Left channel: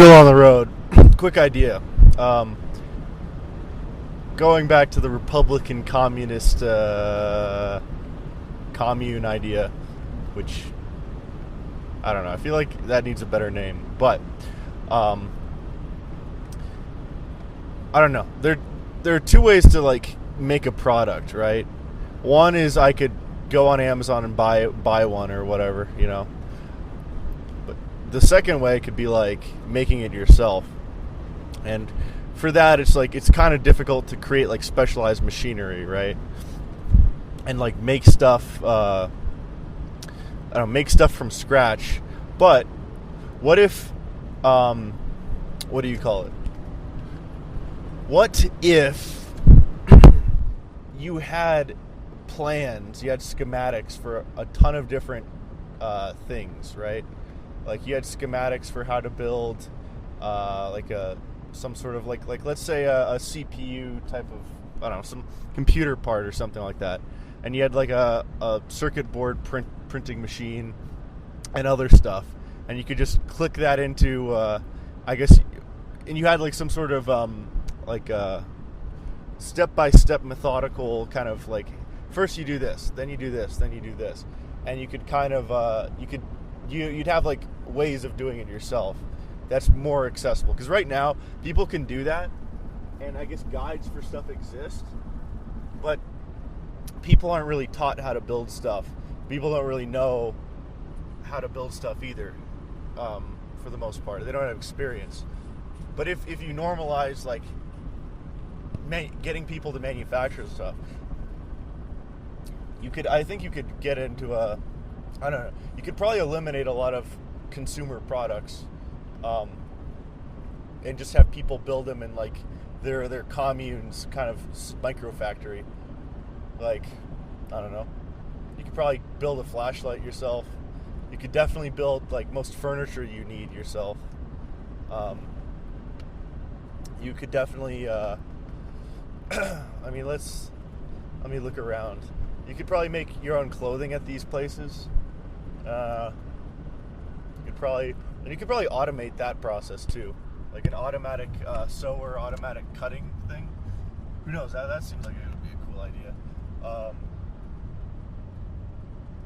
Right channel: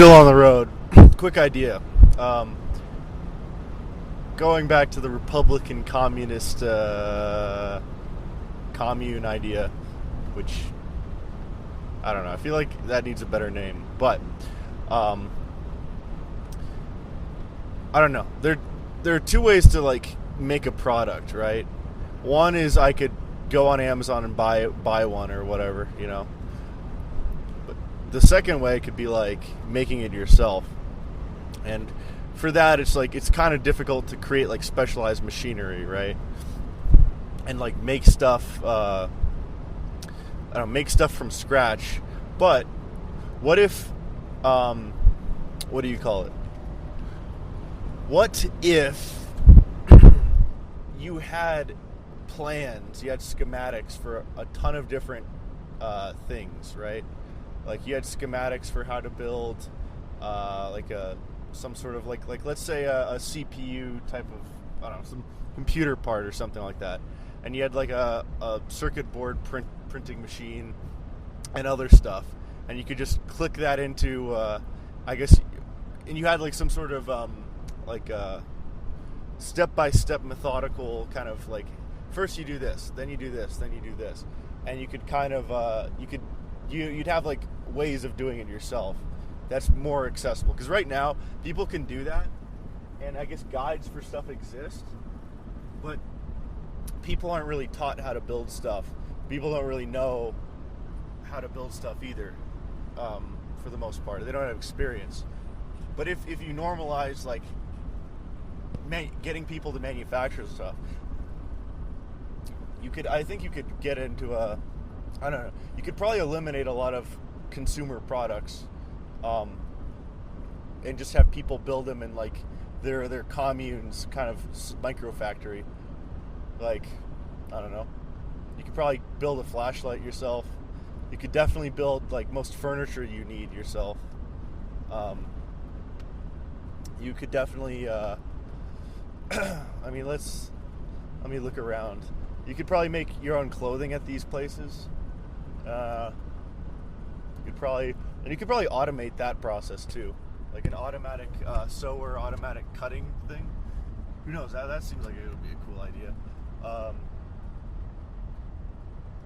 Still on the road. Quick idea. Um, Going back to the Republican communist commune idea, which I don't know. I feel like that needs a better name, but um, I don't know. There are two ways to like make a product, right? One is I could go on Amazon and buy one or whatever, you know. But the second way could be like making it yourself, and for that it's kind of difficult to create like specialized machinery, right? And like make stuff I don't know, make stuff from scratch. But what if what do you call it? What if you had plans, you had schematics for a ton of different things, right? Like you had schematics for how to build like some sort of like let's say a CPU type of, I don't know, some computer part or something like that, and you had like a circuit board printing machine and other stuff, and you could just click that into I guess, and you had like some sort of like step-by-step methodical kind of like, first you do this, then you do this, then you do this, and you could kind of you'd have like ways of doing it yourself that's more accessible, because right now people can do that, and I guess guides for stuff exist, but people aren't really taught how to build stuff. People don't really know how to build stuff either, for the most part. They don't have experience. But if you normalize like getting people to manufacture stuff, I think you could get into I don't know, you could probably eliminate a lot of consumer products, and just have people build them in like their communes kind of micro factory. Like, I don't know, you could probably build a flashlight yourself. You could definitely build like most furniture you need yourself. You could definitely I mean, let me look around. You could probably make your own clothing at these places. You could probably automate that process too, like an automatic sewer, automatic cutting thing. Who knows? That seems like it would be a cool idea.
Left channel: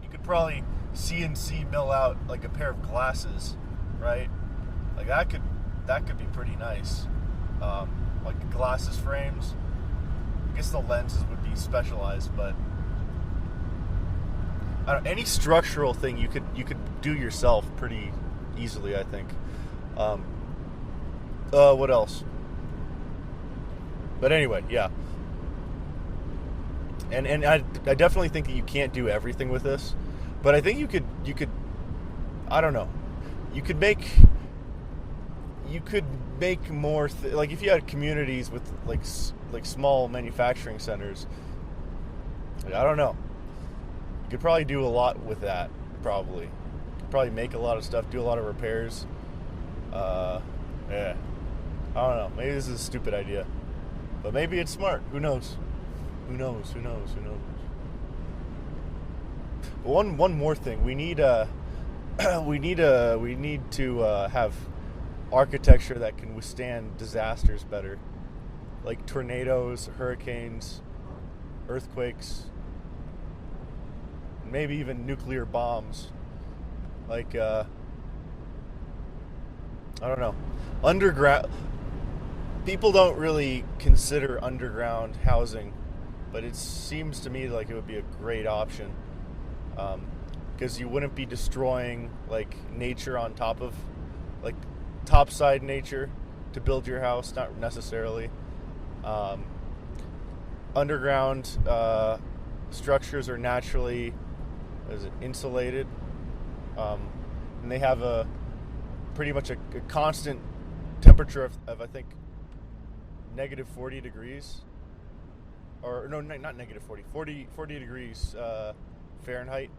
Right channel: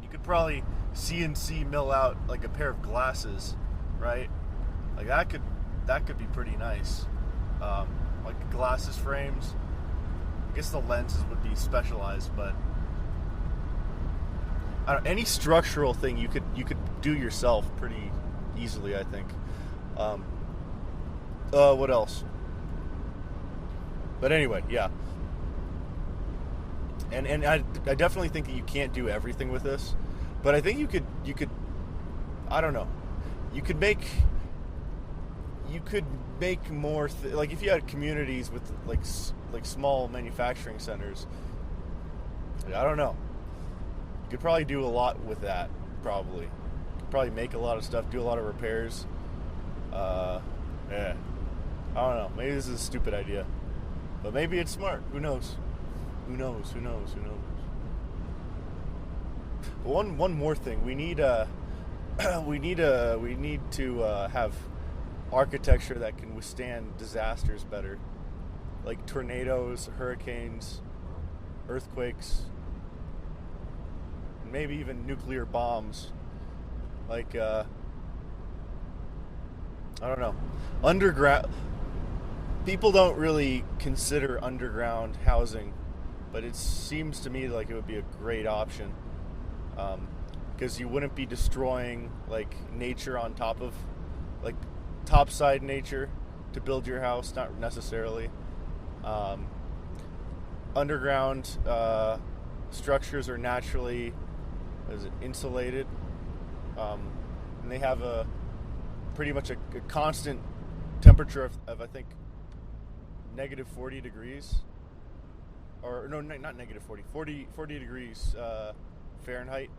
You could probably CNC mill out like a pair of glasses, right? Like that could be pretty nice. Like glasses frames. I guess the lenses would be specialized, but I don't know, any structural thing you could do yourself pretty easily, I think. What else? But anyway, yeah. And I definitely think that you can't do everything with this, but I think you could I don't know. You could make more like if you had communities with like small manufacturing centers. Like, I don't know. You could probably do a lot with that. Probably. You could probably make a lot of stuff, do a lot of repairs. Yeah. I don't know. Maybe this is a stupid idea, but maybe it's smart. Who knows? Who knows? Who knows? Who knows? One more thing. We need to have architecture that can withstand disasters better, like tornadoes, hurricanes, earthquakes, maybe even nuclear bombs. Like I don't know, underground. People don't really consider underground housing, but it seems to me like it would be a great option, because you wouldn't be destroying like nature on top of like topside nature to build your house, not necessarily. Underground structures are naturally insulated, and they have a pretty much a constant temperature of I think negative 40 degrees, or no, not negative 40 degrees Fahrenheit.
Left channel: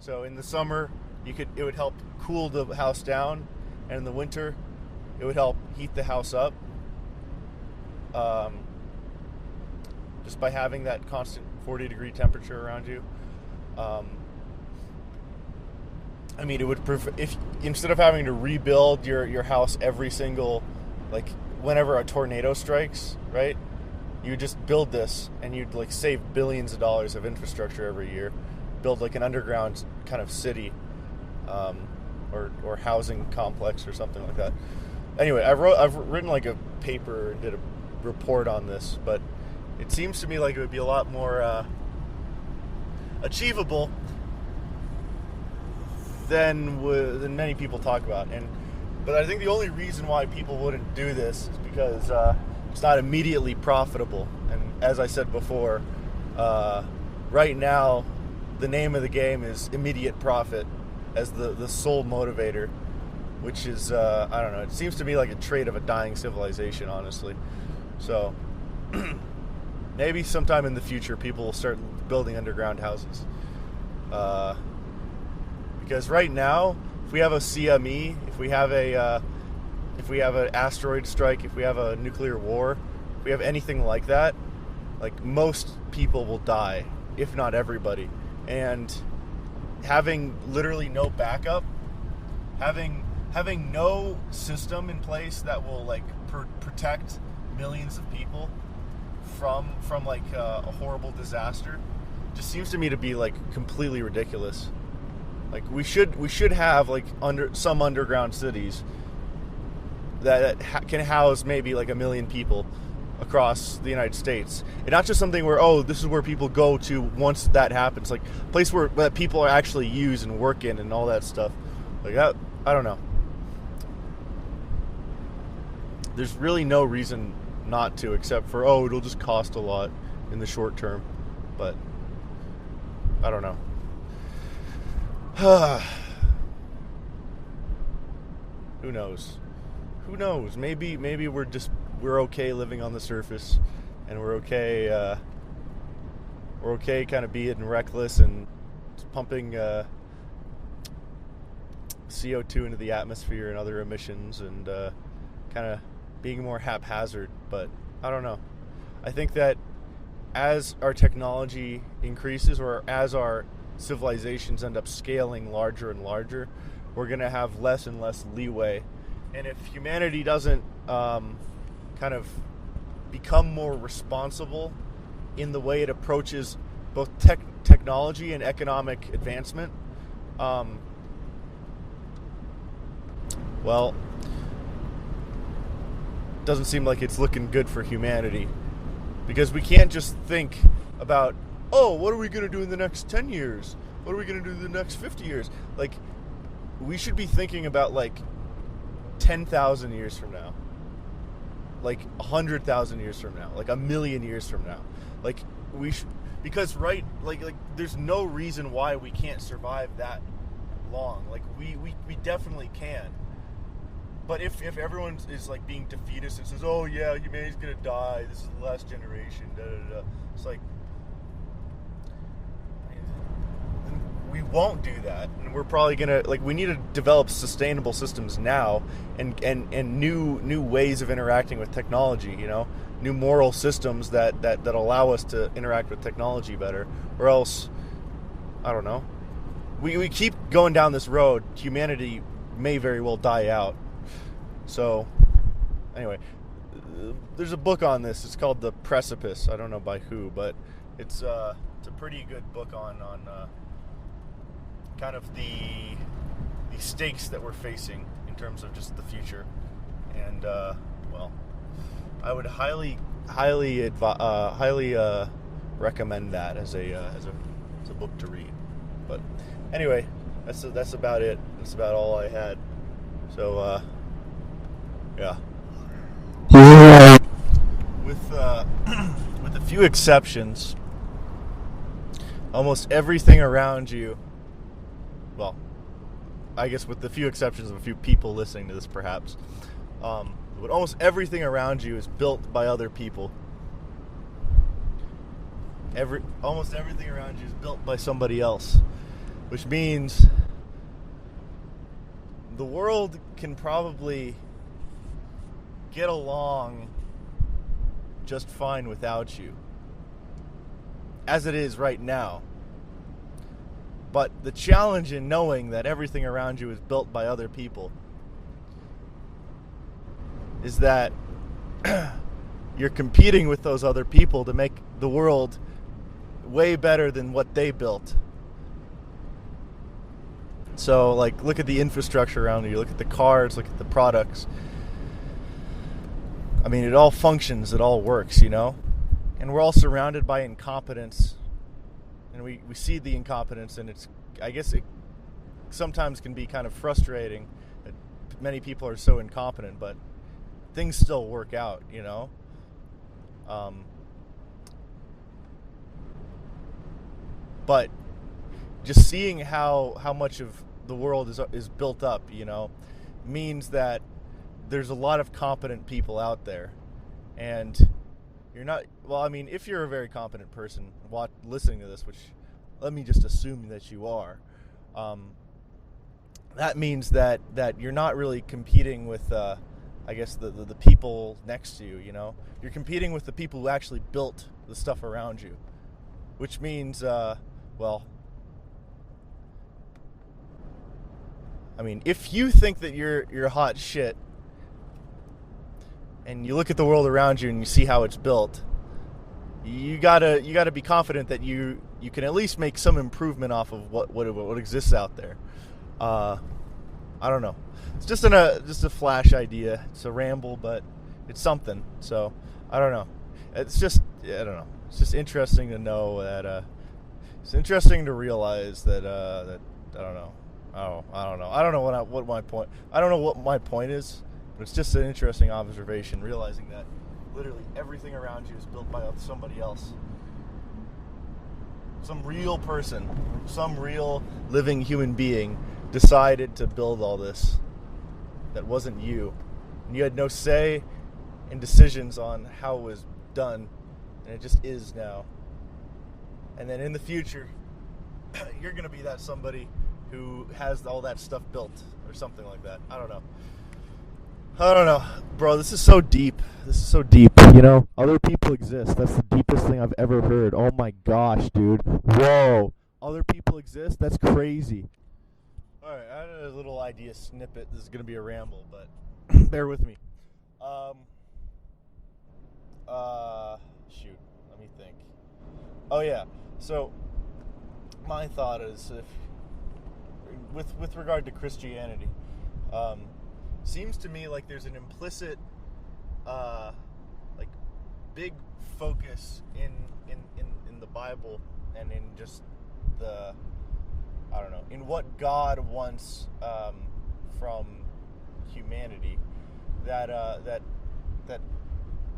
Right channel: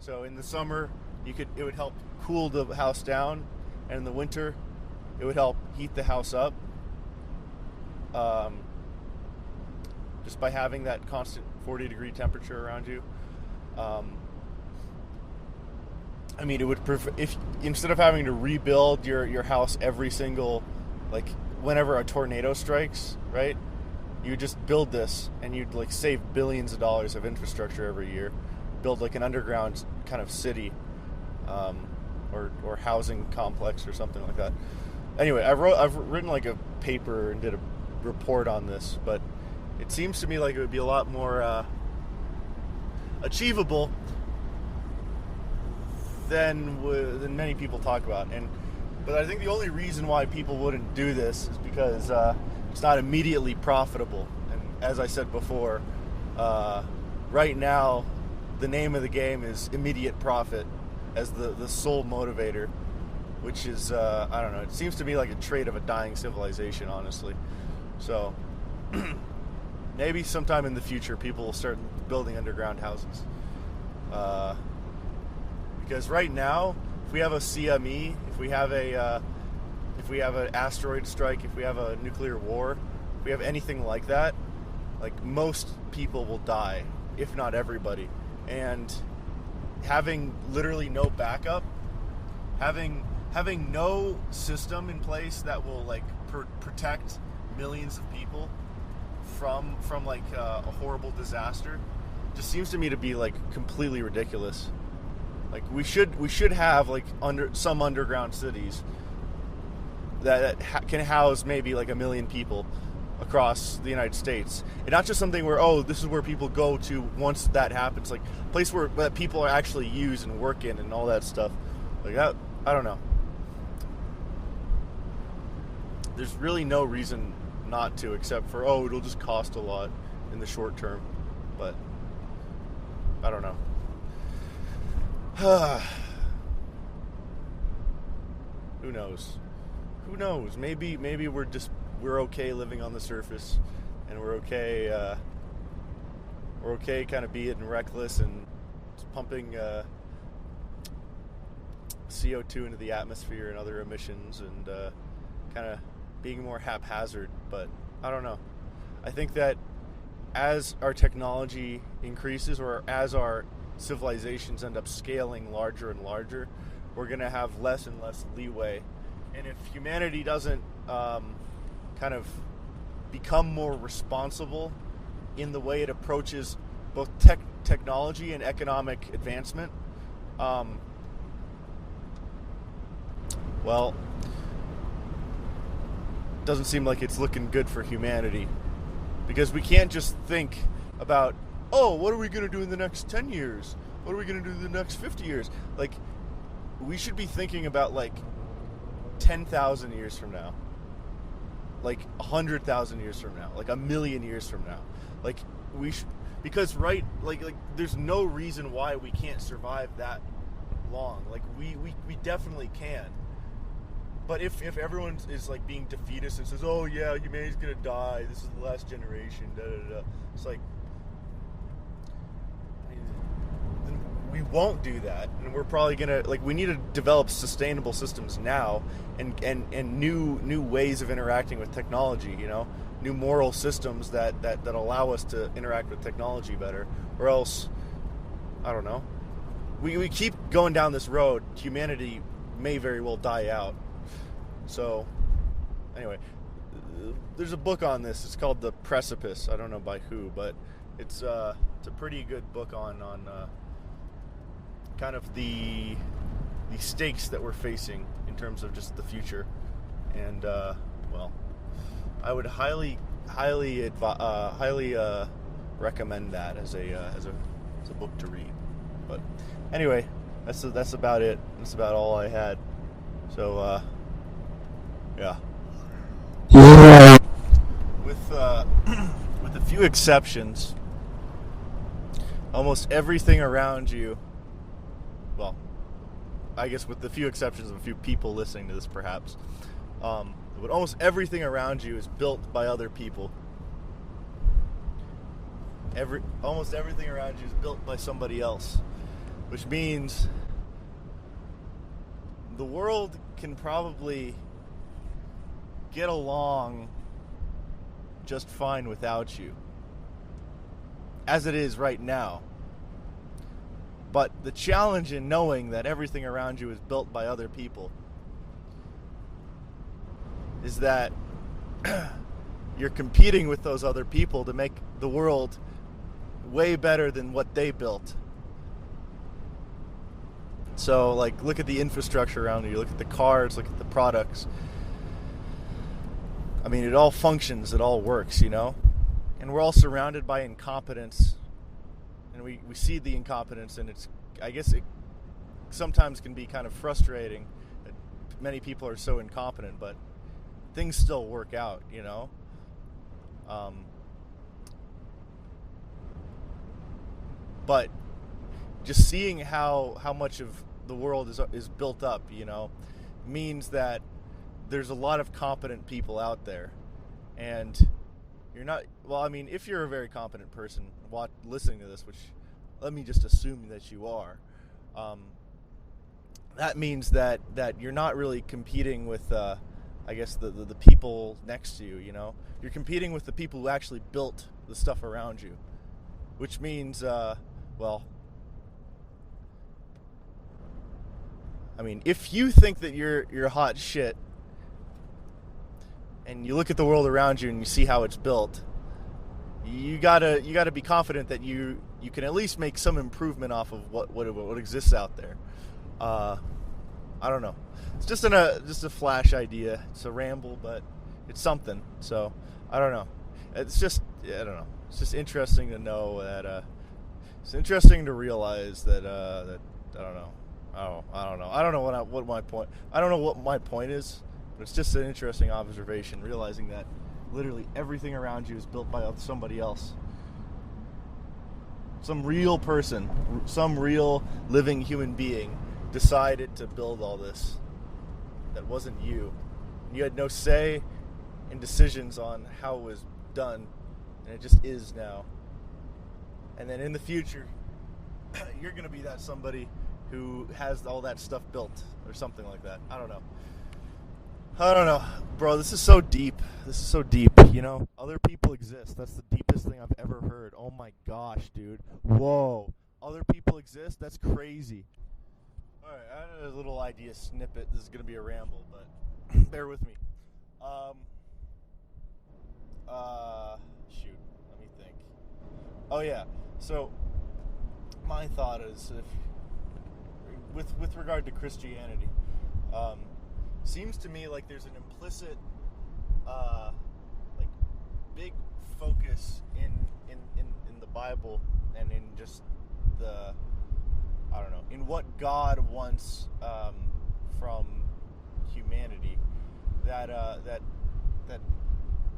So in the summer it would help cool the house down, and in the winter it would help heat the house up, just by having that constant 40 degree temperature around you. I mean, it would if instead of having to rebuild your house every single, like, whenever a tornado strikes, right? You just build this, and you'd like save billions of dollars of infrastructure every year. Build like an underground kind of city, or housing complex or something like that. Anyway, I've written like a paper and did a report on this, but it seems to me like it would be a lot more achievable than many people talk about. But I think the only reason why people wouldn't do this is because it's not immediately profitable. And as I said before, right now the name of the game is immediate profit as the sole motivator, which is I don't know. It seems to me like a trait of a dying civilization, honestly. So maybe sometime in the future people will start building underground houses. Because right now, if we have a CME, if we have an asteroid strike, if we have a nuclear war, if we have anything like that, like, most people will die, if not everybody. And having literally no backup, having no system in place that will like protect millions of people from like a horrible disaster, just seems to me to be like completely ridiculous. Like, we should have like some underground cities that can house maybe like 1 million people across the United States, and not just something where, oh, this is where people go to once that happens. Like, a place where that people are actually use and work in and all that stuff. Like that, I don't know. There's really no reason not to, except for, oh, it'll just cost a lot in the short term. But I don't know. Who knows? Maybe we're okay living on the surface, and we're okay kind of being reckless and pumping CO2 into the atmosphere and other emissions, and kind of being more haphazard. But I don't know. I think that as our technology increases, or as our civilizations end up scaling larger and larger, we're going to have less and less leeway. And if humanity doesn't kind of become more responsible in the way it approaches both technology and economic advancement, well, it doesn't seem like it's looking good for humanity. Because we can't just think about, oh, what are we going to do in the next 10 years? What are we going to do in the next 50 years? Like, we should be thinking about, like, 10,000 years from now. Like, 100,000 years from now. Like, 1 million years from now. Like, because, right, like, there's no reason why we can't survive that long. Like, we definitely can. But if everyone is, like, being defeatist and says, oh, yeah, humanity's going to die, this is the last generation, da-da-da, it's like, we won't do that, and we're probably gonna, like, we need to develop sustainable systems now, and new ways of interacting with technology, you know, new moral systems that allow us to interact with technology better, or else, I don't know, we keep going down this road, humanity may very well die out. So anyway, there's a book on this. It's called The Precipice. I don't know by who, but it's a pretty good book on kind of the stakes that we're facing in terms of just the future. And well, I would highly recommend that as a book to read. But anyway, that's about it. That's about all I had. So yeah. With a few exceptions, almost everything around you, well, I guess with the few exceptions of a few people listening to this, perhaps, but almost everything around you is built by other people. Almost everything around you is built by somebody else, which means the world can probably get along just fine without you, as it is right now. But the challenge in knowing that everything around you is built by other people is that you're competing with those other people to make the world way better than what they built. So, like, look at the infrastructure around you. Look at the cars. Look at the products. I mean, it all functions. It all works, you know? And we're all surrounded by incompetence. And we see the incompetence, and I guess it sometimes can be kind of frustrating that many people are so incompetent, but things still work out, you know? But just seeing how much of the world is built up, you know, means that there's a lot of competent people out there. And you're not, well, I mean, if you're a very competent person listening to this, which let me just assume that you are, that means that you're not really competing with, I guess, the people next to you, you know? You're competing with the people who actually built the stuff around you, which means, well, I mean, if you think that you're hot shit, and you look at the world around you and you see how it's built, you gotta be confident that you can at least make some improvement off of what exists out there. I don't know. It's just a flash idea. It's a ramble, but it's something. So I don't know. I don't know. It's just interesting to know that. It's interesting to realize that I don't know. I don't know. I don't know what my point. I don't know what my point is. But it's just an interesting observation, realizing that literally everything around you is built by somebody else. Some real person, some real living human being decided to build all this. That wasn't you. And you had no say in decisions on how it was done. And it just is now. And then in the future, you're going to be that somebody who has all that stuff built or something like that. I don't know. Bro, this is so deep. You know, other people exist. That's the deepest thing I've ever heard. Oh my gosh, dude. Whoa. Other people exist? That's crazy. Alright, I had a little idea snippet. This is going to be a ramble, but bear with me. Shoot. Let me think. Oh yeah. So, my thought is, with regard to Christianity, seems to me like there's an implicit, like, big focus in the Bible and in just the, I don't know, in what God wants from humanity. That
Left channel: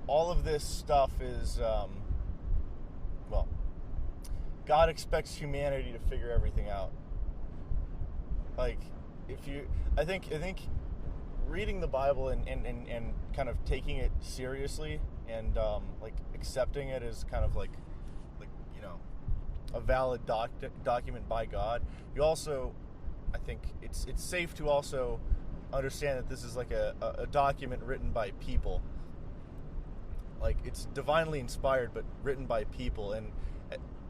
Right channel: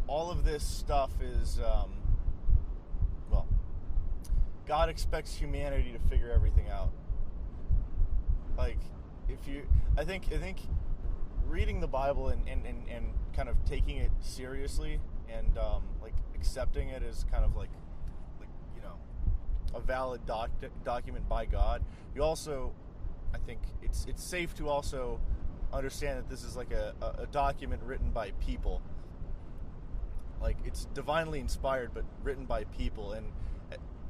all of this stuff is, well, God expects humanity to figure everything out. Like, I think reading the Bible and kind of taking it seriously and like accepting it as kind of like you know, a valid document by God. You also, I think it's safe to also understand that this is like a document written by people. Like, it's divinely inspired but written by people, and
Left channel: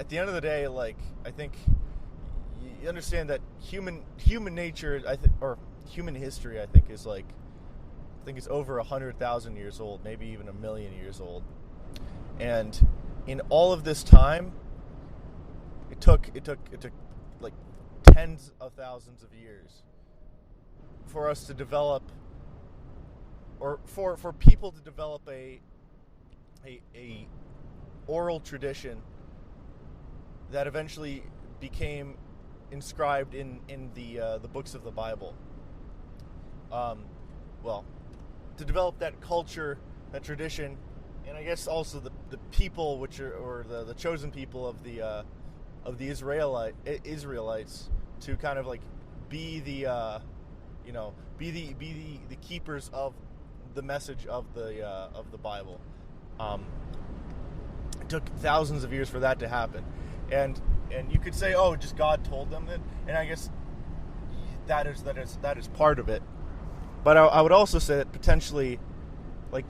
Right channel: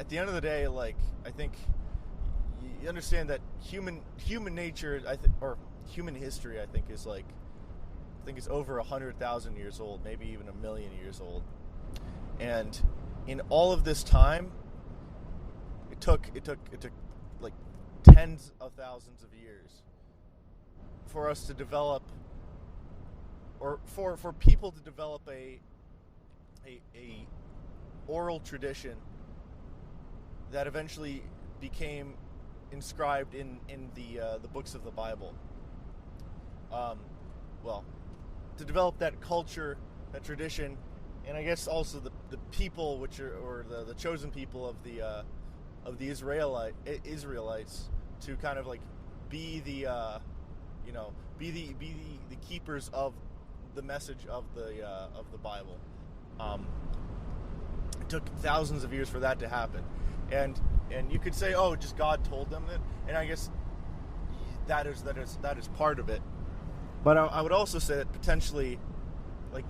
at the end of the day, like, I think you understand that human nature, or human history, I think is over 100,000 years old, maybe even 1,000,000 years old. And in all of this time, it took like tens of thousands of years for us to develop, or for people to develop a oral tradition that eventually became inscribed in the books of the Bible. Well, to develop that culture, that tradition, and I guess also the people, which are, or the chosen people of the Israelites, to kind of like be the be the keepers of the message of the Bible. It took thousands of years for that to happen, and you could say, oh, just God told them that, and I guess that is part of it. But I would also say that potentially, like,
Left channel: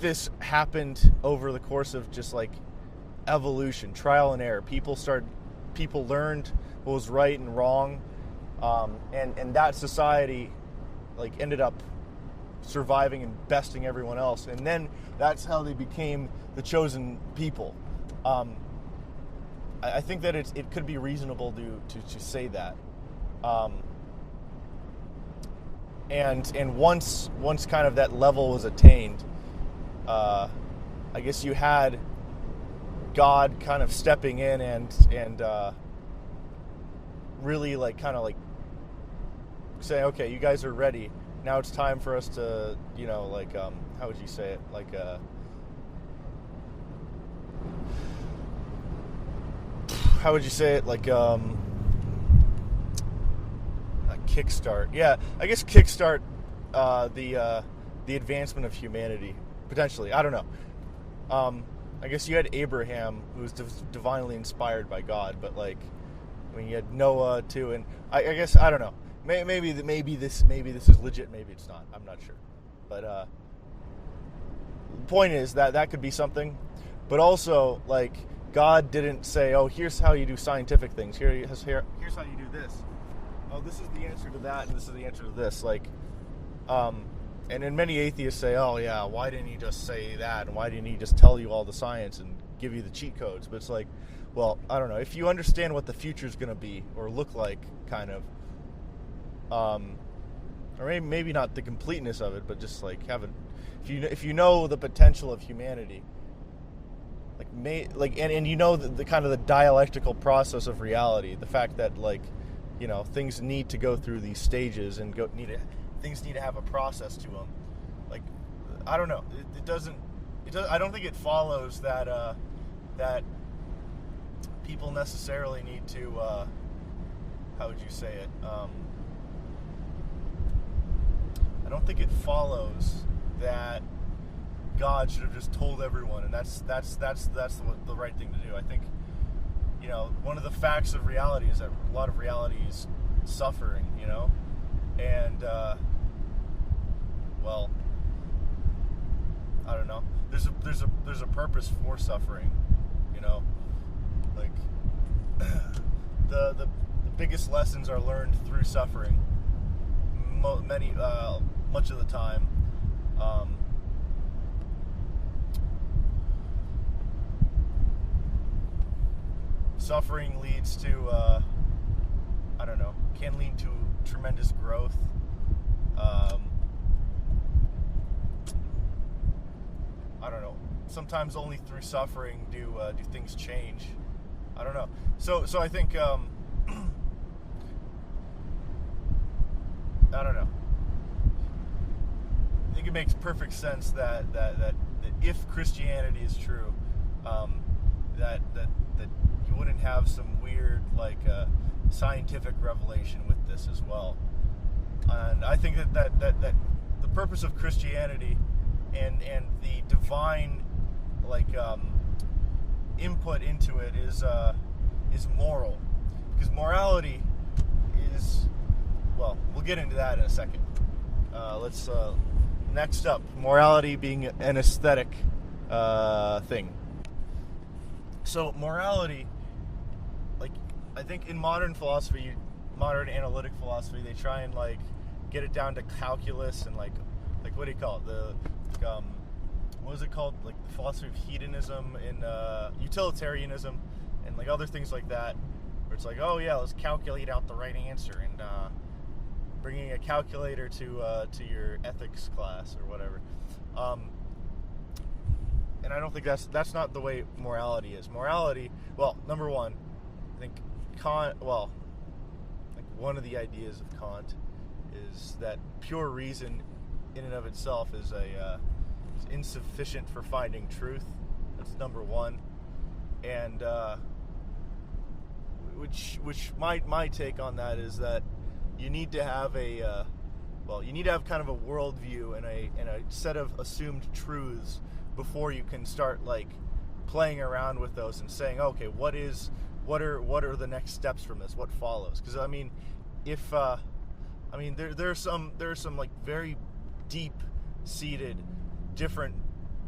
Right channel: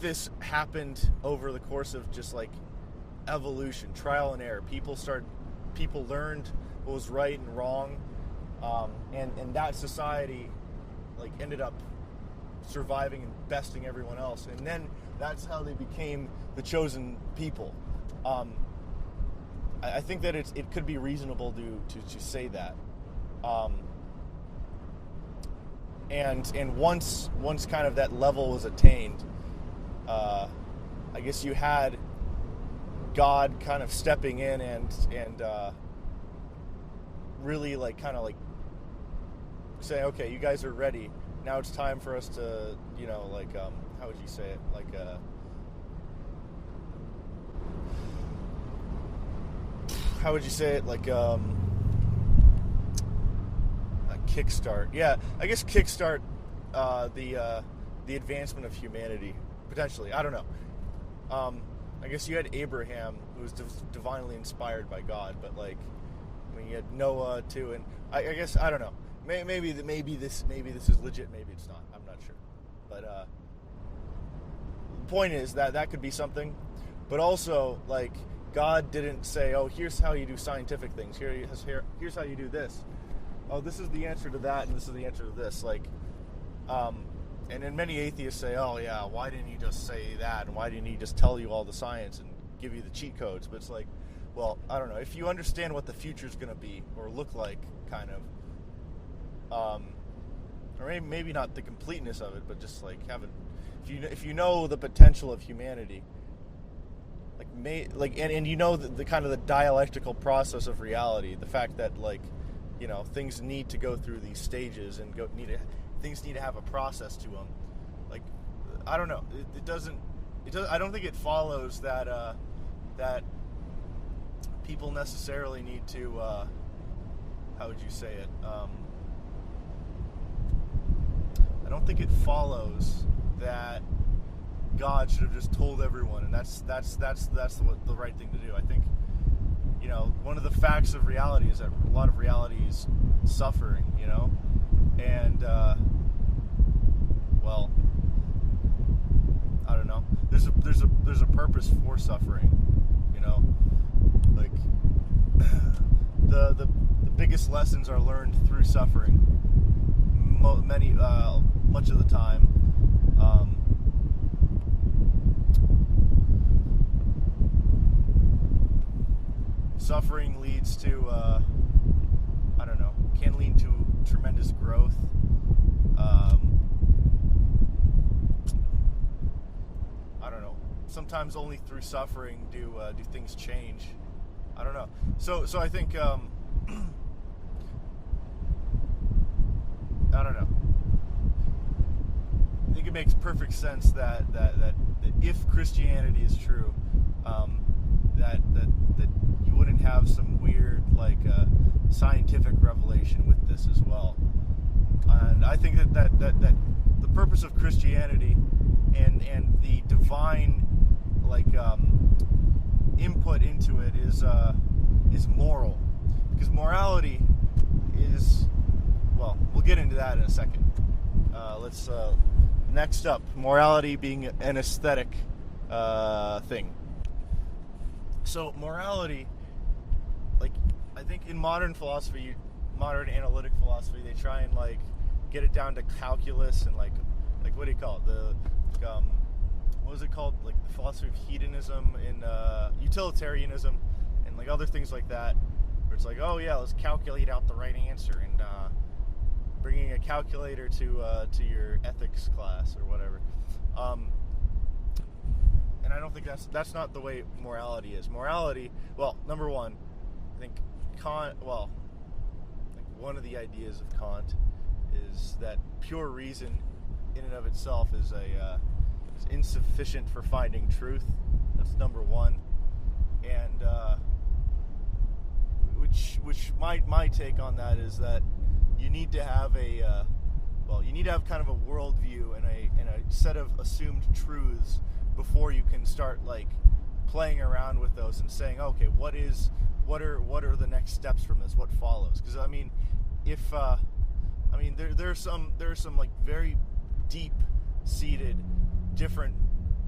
this happened over the course of just like evolution, trial and error. People learned what was right and wrong, and that society like ended up surviving and besting everyone else, and then that's how they became the chosen people. I think that it could be reasonable to say that, and once kind of that level was attained, I guess you had God kind of stepping in and really like kind of like saying, okay, you guys are ready. Now it's time for us to, like, how would you say it? Like, how would you say it? Like, a kickstart. Yeah, I guess kickstart the advancement of humanity, potentially. I don't know. I guess you had Abraham, who was divinely inspired by God, but like, I mean, you had Noah too, and I guess I don't know. Maybe this is legit. Maybe it's not. I'm not sure. But the point is that could be something. But also, like, God didn't say, "Oh, here's how you do scientific things. Here's how you do this. Oh, this is the answer to that, and this is the answer to this." Like, and then many atheists say, "Oh, yeah, why didn't he just say that? And why didn't he just tell you all the science and give you the cheat codes?" But it's like, well, I don't know. If you understand what the future is going to be or look like, kind of. Or maybe not the completeness of it, but just like if you know the potential of humanity, and you know the kind of the dialectical process of reality, the fact that like, things need to go through these stages and things need to have a process to them. Like, I don't know. It doesn't. I don't think it follows that that people necessarily need to. How would you say it? I don't think it follows that God should have just told everyone, and that's the right thing to do. I think, one of the facts of reality is that a lot of reality is suffering, and well, I don't know. There's a purpose for suffering, like the biggest lessons are learned through suffering. Much of the time, suffering leads to, I don't know, can lead to tremendous growth. I don't know. Sometimes only through suffering do things change. I don't know. So I think. I don't know. I think it makes perfect sense that if Christianity is true, that you wouldn't have some weird like scientific revelation with this as well. And I think that the purpose of Christianity and the divine like input into it is moral, because morality is. Well, we'll get into that in a second. Let's next up, morality being an aesthetic thing. So morality, like, I think in modern philosophy, modern analytic philosophy, they try and like get it down to calculus and like what do you call it? What was it called? Like the philosophy of hedonism and utilitarianism and like other things like that, where it's like, oh yeah, let's calculate out the right answer and. Bringing a calculator to your ethics class or whatever, and I don't think that's not the way morality is. Morality, well, number one, I think Kant. Well, like one of the ideas of Kant is that pure reason, in and of itself, is insufficient for finding truth. That's number one, and which my take on that is that. You need to have kind of a worldview and a set of assumed truths before you can start like playing around with those and saying, okay, what are the next steps from this? What follows? Because I mean, if there are some like very deep seated different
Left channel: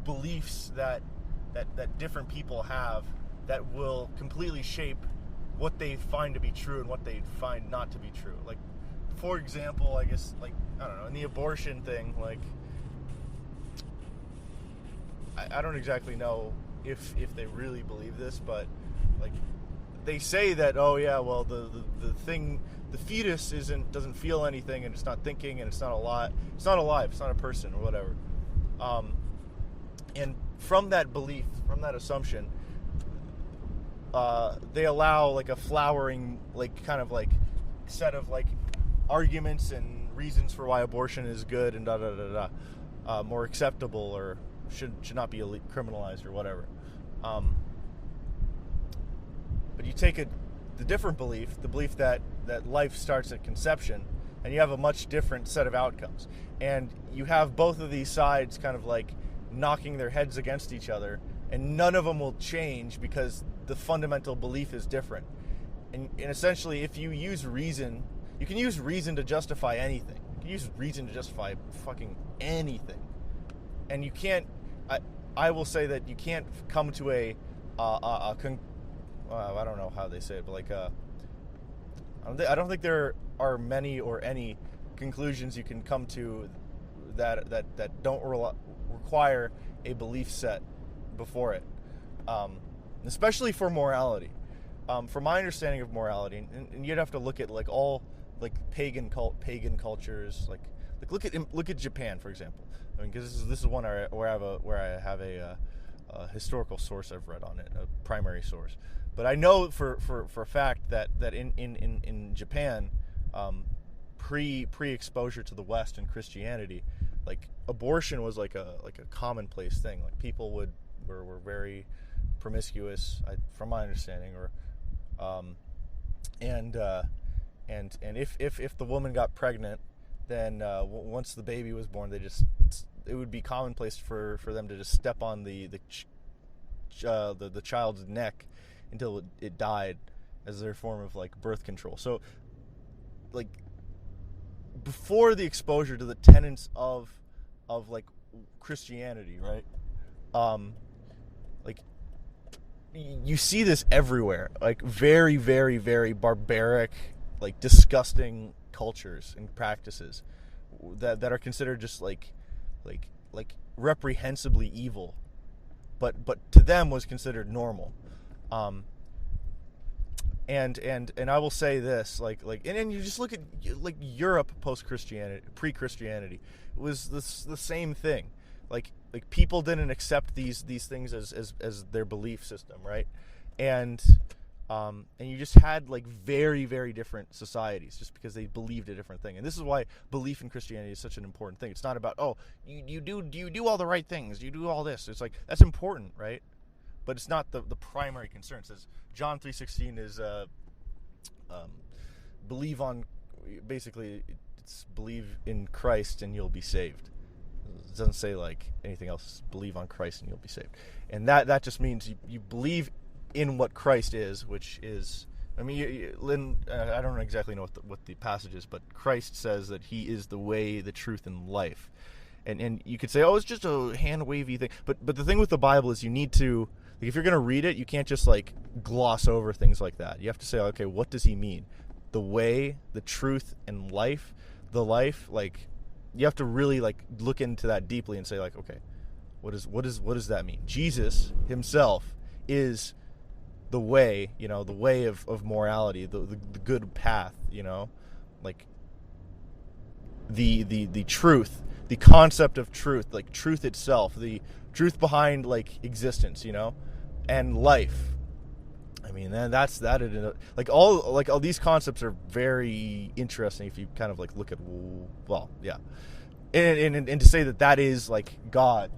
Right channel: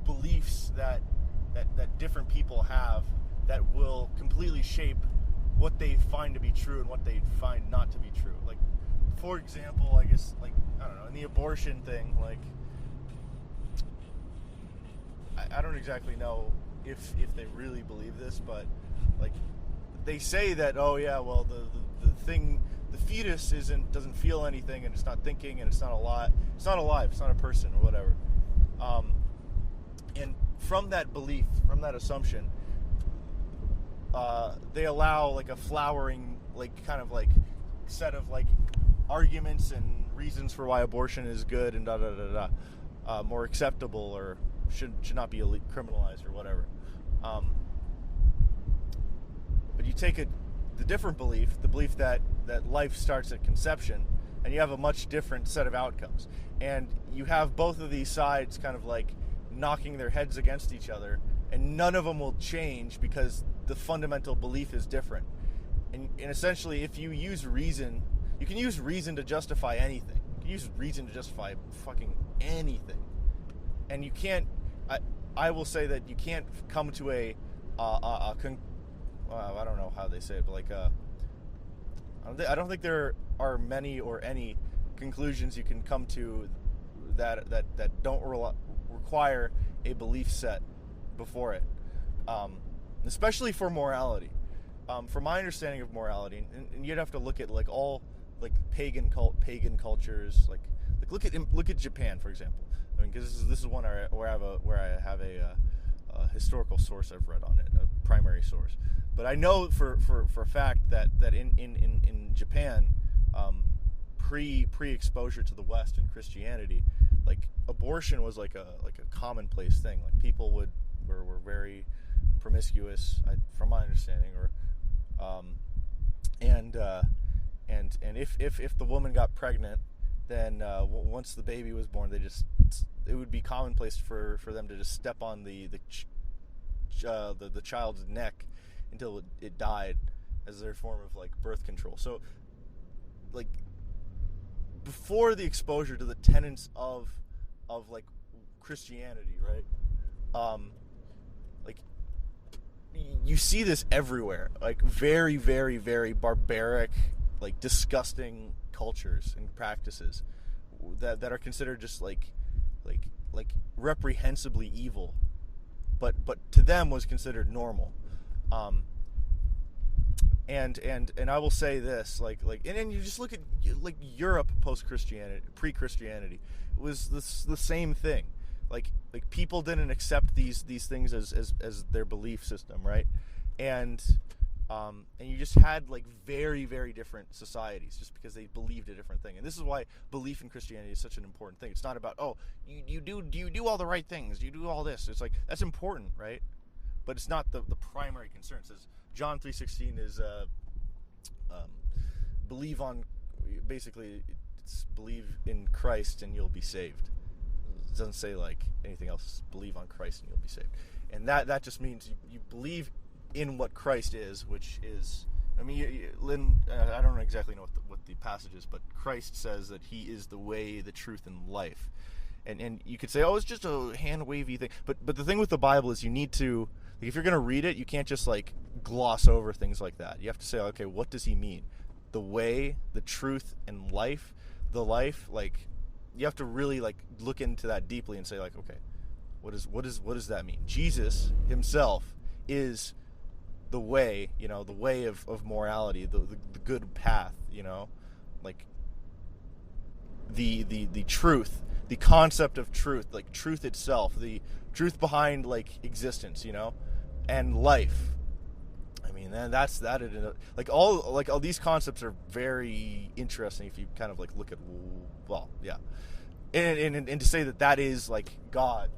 beliefs that different people have that will completely shape what they find to be true and what they find not to be true. Like, for example, I guess, like, I don't know, in the abortion thing, like, I don't exactly know if they really believe this, but, like, they say that, oh yeah, well, the fetus doesn't feel anything, and it's not thinking, and it's not alive, it's not a person or whatever. And from that belief, from that assumption, they allow like a flowering, like, kind of like set of like arguments and reasons for why abortion is good and more acceptable, or should not be criminalized or whatever. But you take the different belief, the belief that life starts at conception, and you have a much different set of outcomes. And you have both of these sides kind of like knocking their heads against each other, and none of them will change because the fundamental belief is different. And essentially, if you use reason, you can use reason to justify anything. You can use reason to justify fucking anything. And you can't, I will say that you can't come to I don't know how they say it, but like, I don't think there are many or any conclusions you can come to that don't require a belief set before it, especially for morality. From my understanding of morality, and you'd have to look at like all like pagan cultures, like look at Japan, for example. I mean, because this is one where I have a historical source I've read on it, a primary source. But I know for a fact that in Japan, pre-exposure to the West and Christianity, like abortion was like a commonplace thing. Like people were very promiscuous, from my understanding, or and if the woman got pregnant, then once the baby was born, it would be commonplace for them to just step on the child's neck until it died, as their form of like birth control. So like before the exposure to the tenets of like Christianity, right? Like you see this everywhere, like very, very, very barbaric, like disgusting cultures and practices that are considered just like reprehensibly evil, but to them was considered normal. And I will say this, and then you just look at like Europe post-Christianity, pre-Christianity, it was the same thing. Like people didn't accept these things as their belief system, right? And you just had like very, very different societies just because they believed a different thing. And this is why belief in Christianity is such an important thing. It's not about, oh, you do all the right things, you do all this. It's like, that's important, right? But it's not the primary concern. It says John 3:16 is believe on, basically it's believe in Christ and you'll be saved. It doesn't say like anything else. Believe on Christ and you'll be saved. And that just means you believe in what Christ is, which is, I mean, Lynn, I don't exactly know what the passage is, but Christ says that he is the way, the truth, and life. And you could say, oh, it's just a hand-wavy thing. But the thing with the Bible is you need to, like, if you're going to read it, you can't just, like, gloss over things like that. You have to say, okay, what does he mean? The way, the truth, and life, the life, like, you have to really, like, look into that deeply and say, like, okay, what does that mean? Jesus himself is the way, the way of morality, the good path, like the truth, the concept of truth, like truth itself, the truth behind like existence, and life. I mean, then like all these concepts are very interesting if you kind of like look at, well, yeah, and to say that is like God,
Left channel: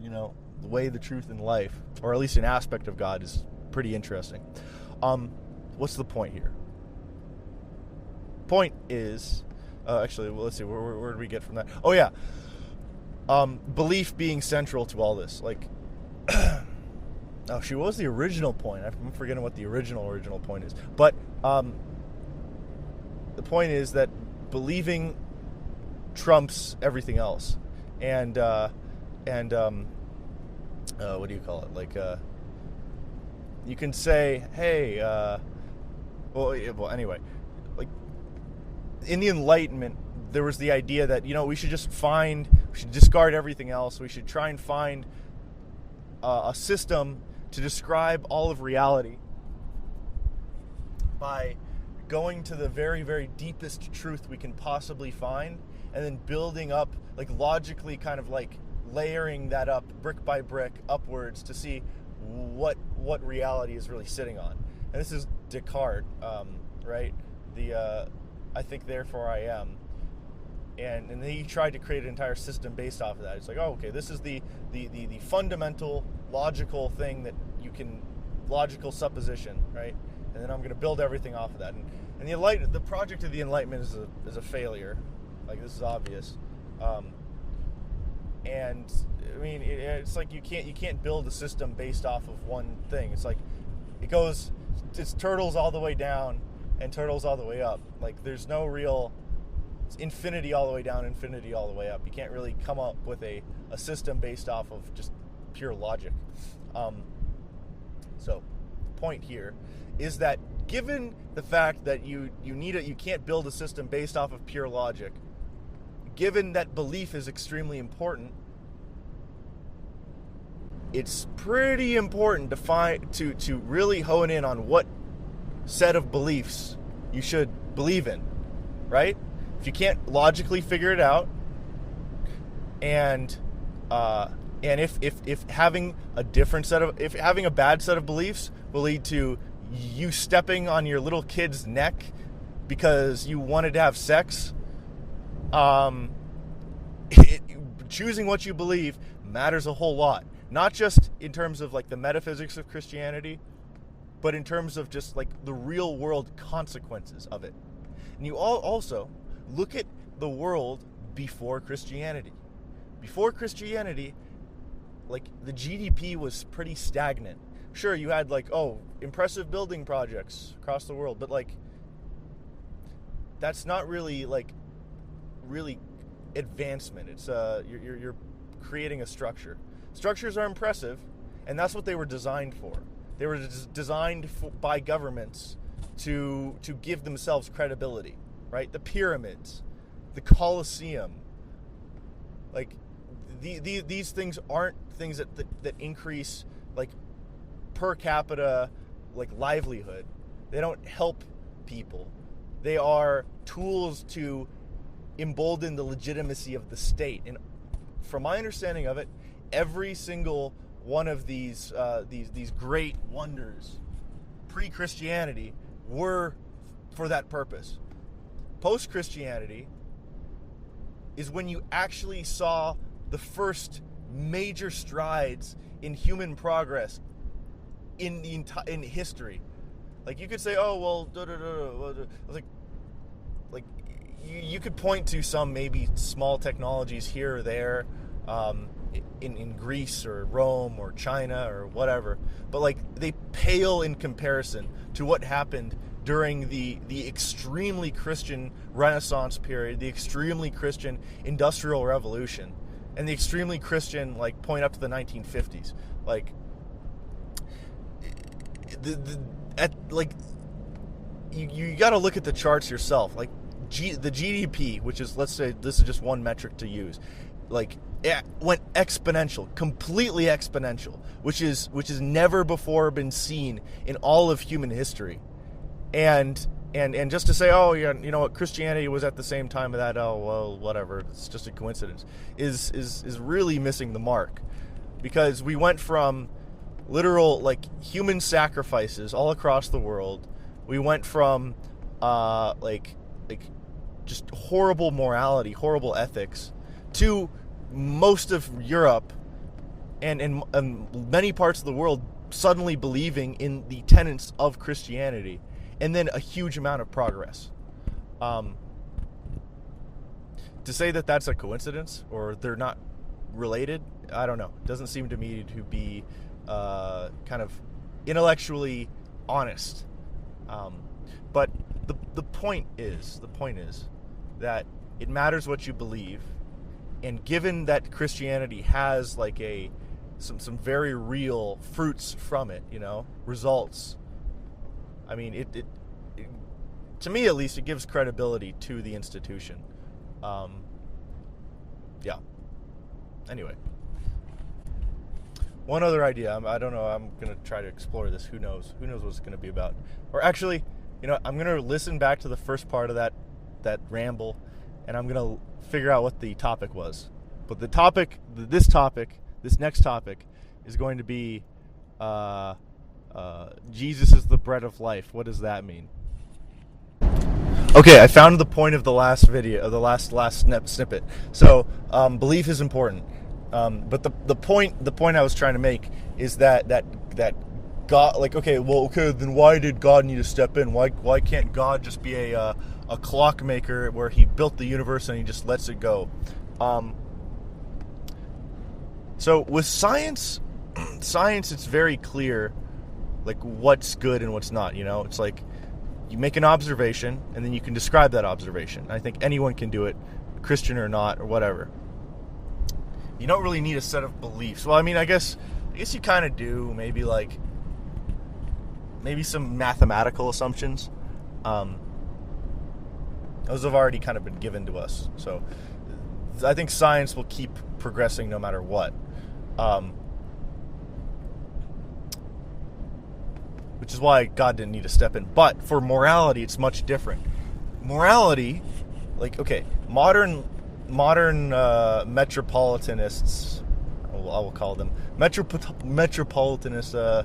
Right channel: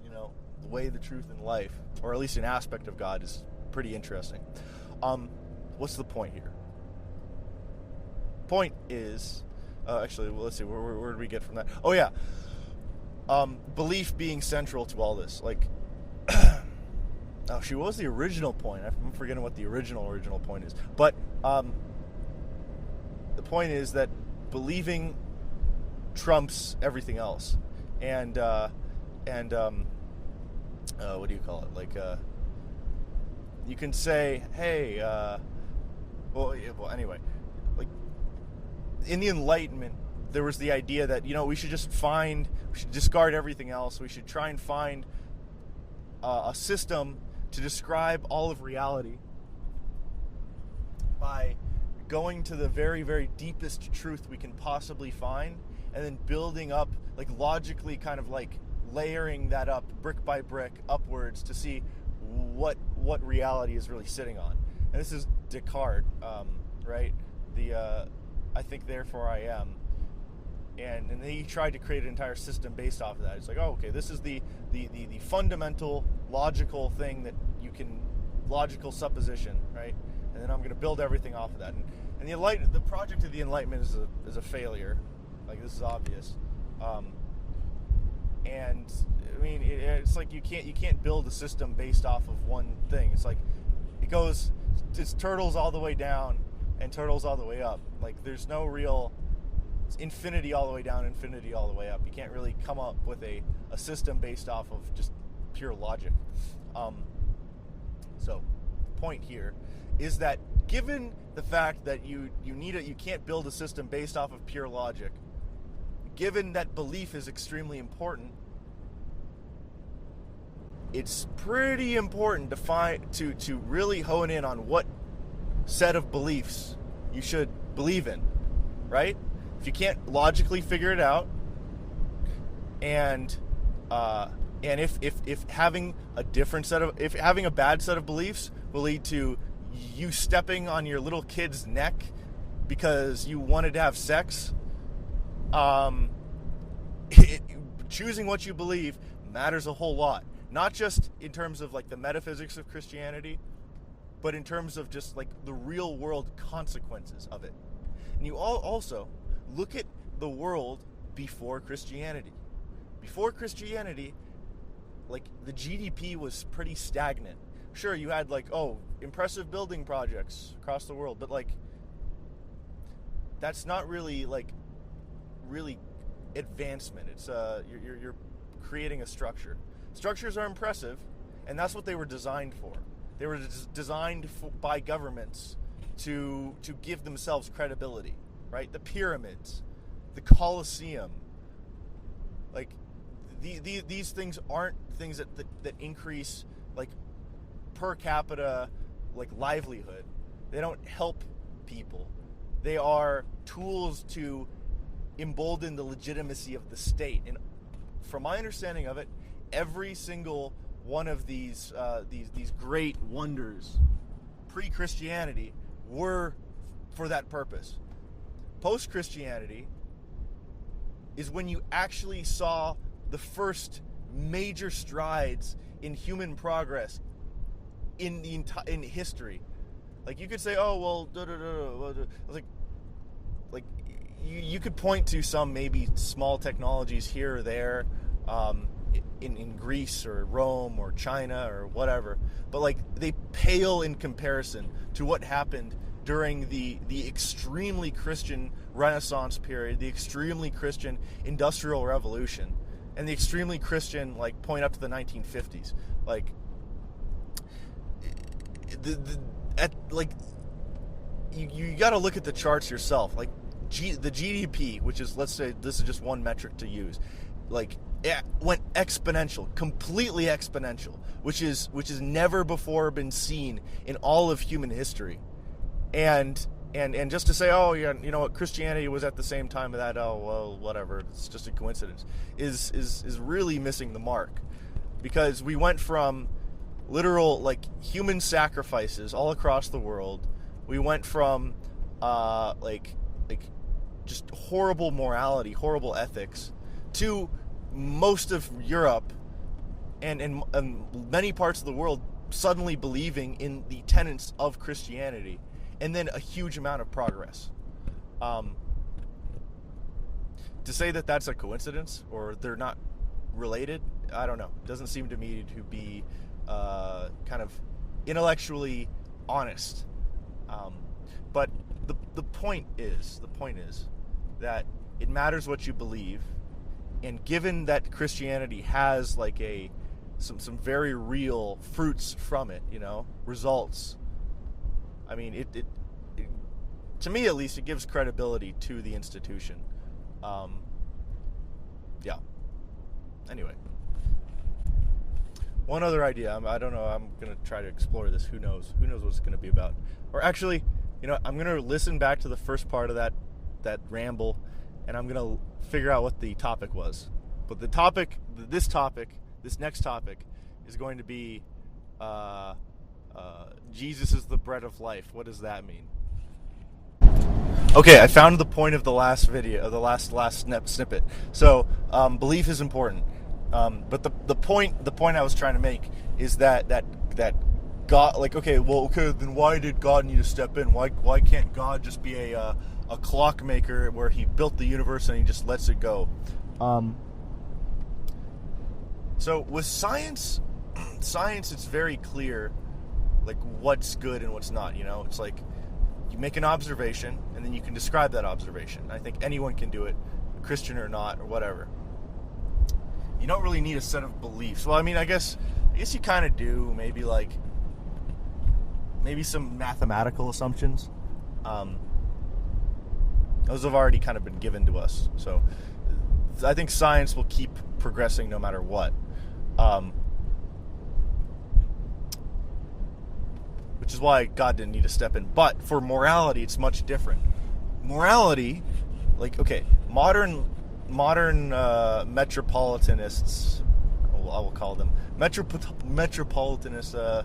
the way, the truth, and life, or at least an aspect of God, is pretty interesting. What's the point here? Point is, actually, well, let's see, where did we get from that? Oh yeah, belief being central to all this. Like, oh shoot, what was the original point? I'm forgetting what the original point is. But the point is that believing trumps everything else, and what do you call it? Like, you can say, hey, well, anyway, like in the Enlightenment, there was the idea that we should discard everything else. We should try and find a system to describe all of reality by going to the very, very deepest truth we can possibly find, and then building up, like logically, kind of like layering that up brick by brick upwards to see what reality is really sitting on. And this is Descartes, right? I think therefore I am. And he tried to create an entire system based off of that. It's like, oh, okay, this is the fundamental logical thing that you can, logical supposition, right? And then I'm going to build everything off of that. And the project of the Enlightenment is a failure. Like, this is obvious. And I mean, it's like you can't build a system based off of one thing. It's like it's turtles all the way down and turtles all the way up. Like, there's no real. It's infinity all the way down, infinity all the way up. You can't really come up with a system based off of just pure logic. So, the point here is that given the fact that you can't build a system based off of pure logic, given that belief is extremely important, it's pretty important to really hone in on what set of beliefs you should believe in, right? If you can't logically figure it out, and if having a bad set of beliefs will lead to you stepping on your little kid's neck because you wanted to have sex, choosing what you believe matters a whole lot. Not just in terms of like the metaphysics of Christianity, but in terms of just like the real world consequences of it. And you all also look at the world before Christianity. Before Christianity, like the GDP was pretty stagnant. Sure, you had like, impressive building projects across the world, but like that's not really advancement. It's you're creating a structure. Structures are impressive, and that's what they were designed for. They were designed by governments to give themselves credibility, right? The pyramids, the Colosseum, like these things aren't things that increase like per capita like livelihood. They don't help people. They are tools to embolden the legitimacy of the state. And from my understanding of it, every single one of these great wonders pre-Christianity were for that purpose. Post-Christianity is when you actually saw the first major strides in human progress in history. Like, you could say, like you could point to some maybe small technologies here or there, in Greece or Rome or China or whatever, but like they pale in comparison to what happened during the extremely Christian Renaissance period, the extremely Christian Industrial Revolution, and the extremely Christian like point up to the 1950s. Like you got to look at the charts yourself. Like the GDP, which is, let's say this is just one metric to use, like it went exponential, completely exponential, which is never before been seen in all of human history. And just to say, you know what, Christianity was at the same time of that, whatever, it's just a coincidence, is really missing the mark. Because we went from literal like human sacrifices all across the world. We went from like just horrible morality, horrible ethics, to most of Europe and many parts of the world suddenly believing in the tenets of Christianity, and then a huge amount of progress. To say that that's a coincidence or they're not related, I don't know. It doesn't seem to me to be kind of intellectually honest. But the point is that it matters what you believe. And given that Christianity has like some very real fruits from it, results. I mean, it to me at least, it gives credibility to the institution. Yeah. Anyway. One other idea. I don't know. I'm going to try to explore this. Who knows? Who knows what it's going to be about? Or actually, I'm going to listen back to the first part of that ramble, and I'm going to figure out what the topic was. But this next topic, is going to be Jesus is the bread of life. What does that mean? Okay, I found the point of the last video, the last snippet. So, belief is important. But the point I was trying to make is that God, then why did God need to step in? Why can't God just be a clockmaker where he built the universe and he just lets it go? So with science, it's very clear, like, what's good and what's not. It's like you make an observation and then you can describe that observation. I think anyone can do it, Christian or not or whatever. You don't really need a set of beliefs. Well, I mean, I guess you kind of do. Maybe some mathematical assumptions. Those have already kind of been given to us. So I think science will keep progressing no matter what. Which is why God didn't need to step in. But for morality, it's much different. Morality, modern metropolitanists, I will call them metropolitanist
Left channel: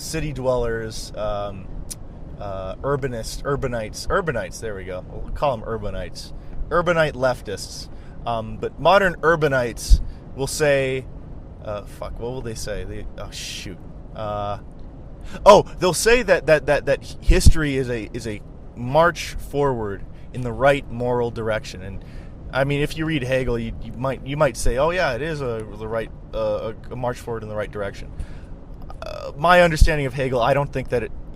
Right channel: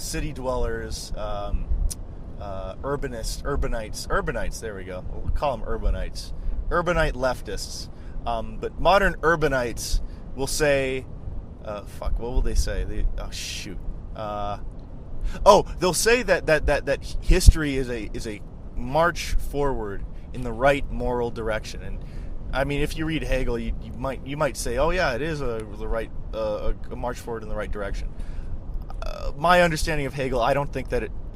city dwellers, urbanites. There we go. We'll call them urbanites, urbanite leftists. But modern urbanites will say, what will they say? They'll say that history is a march forward in the right moral direction. And I mean, if you read Hegel, you might say, oh yeah, it is a march forward in the right direction. My understanding of Hegel, I don't think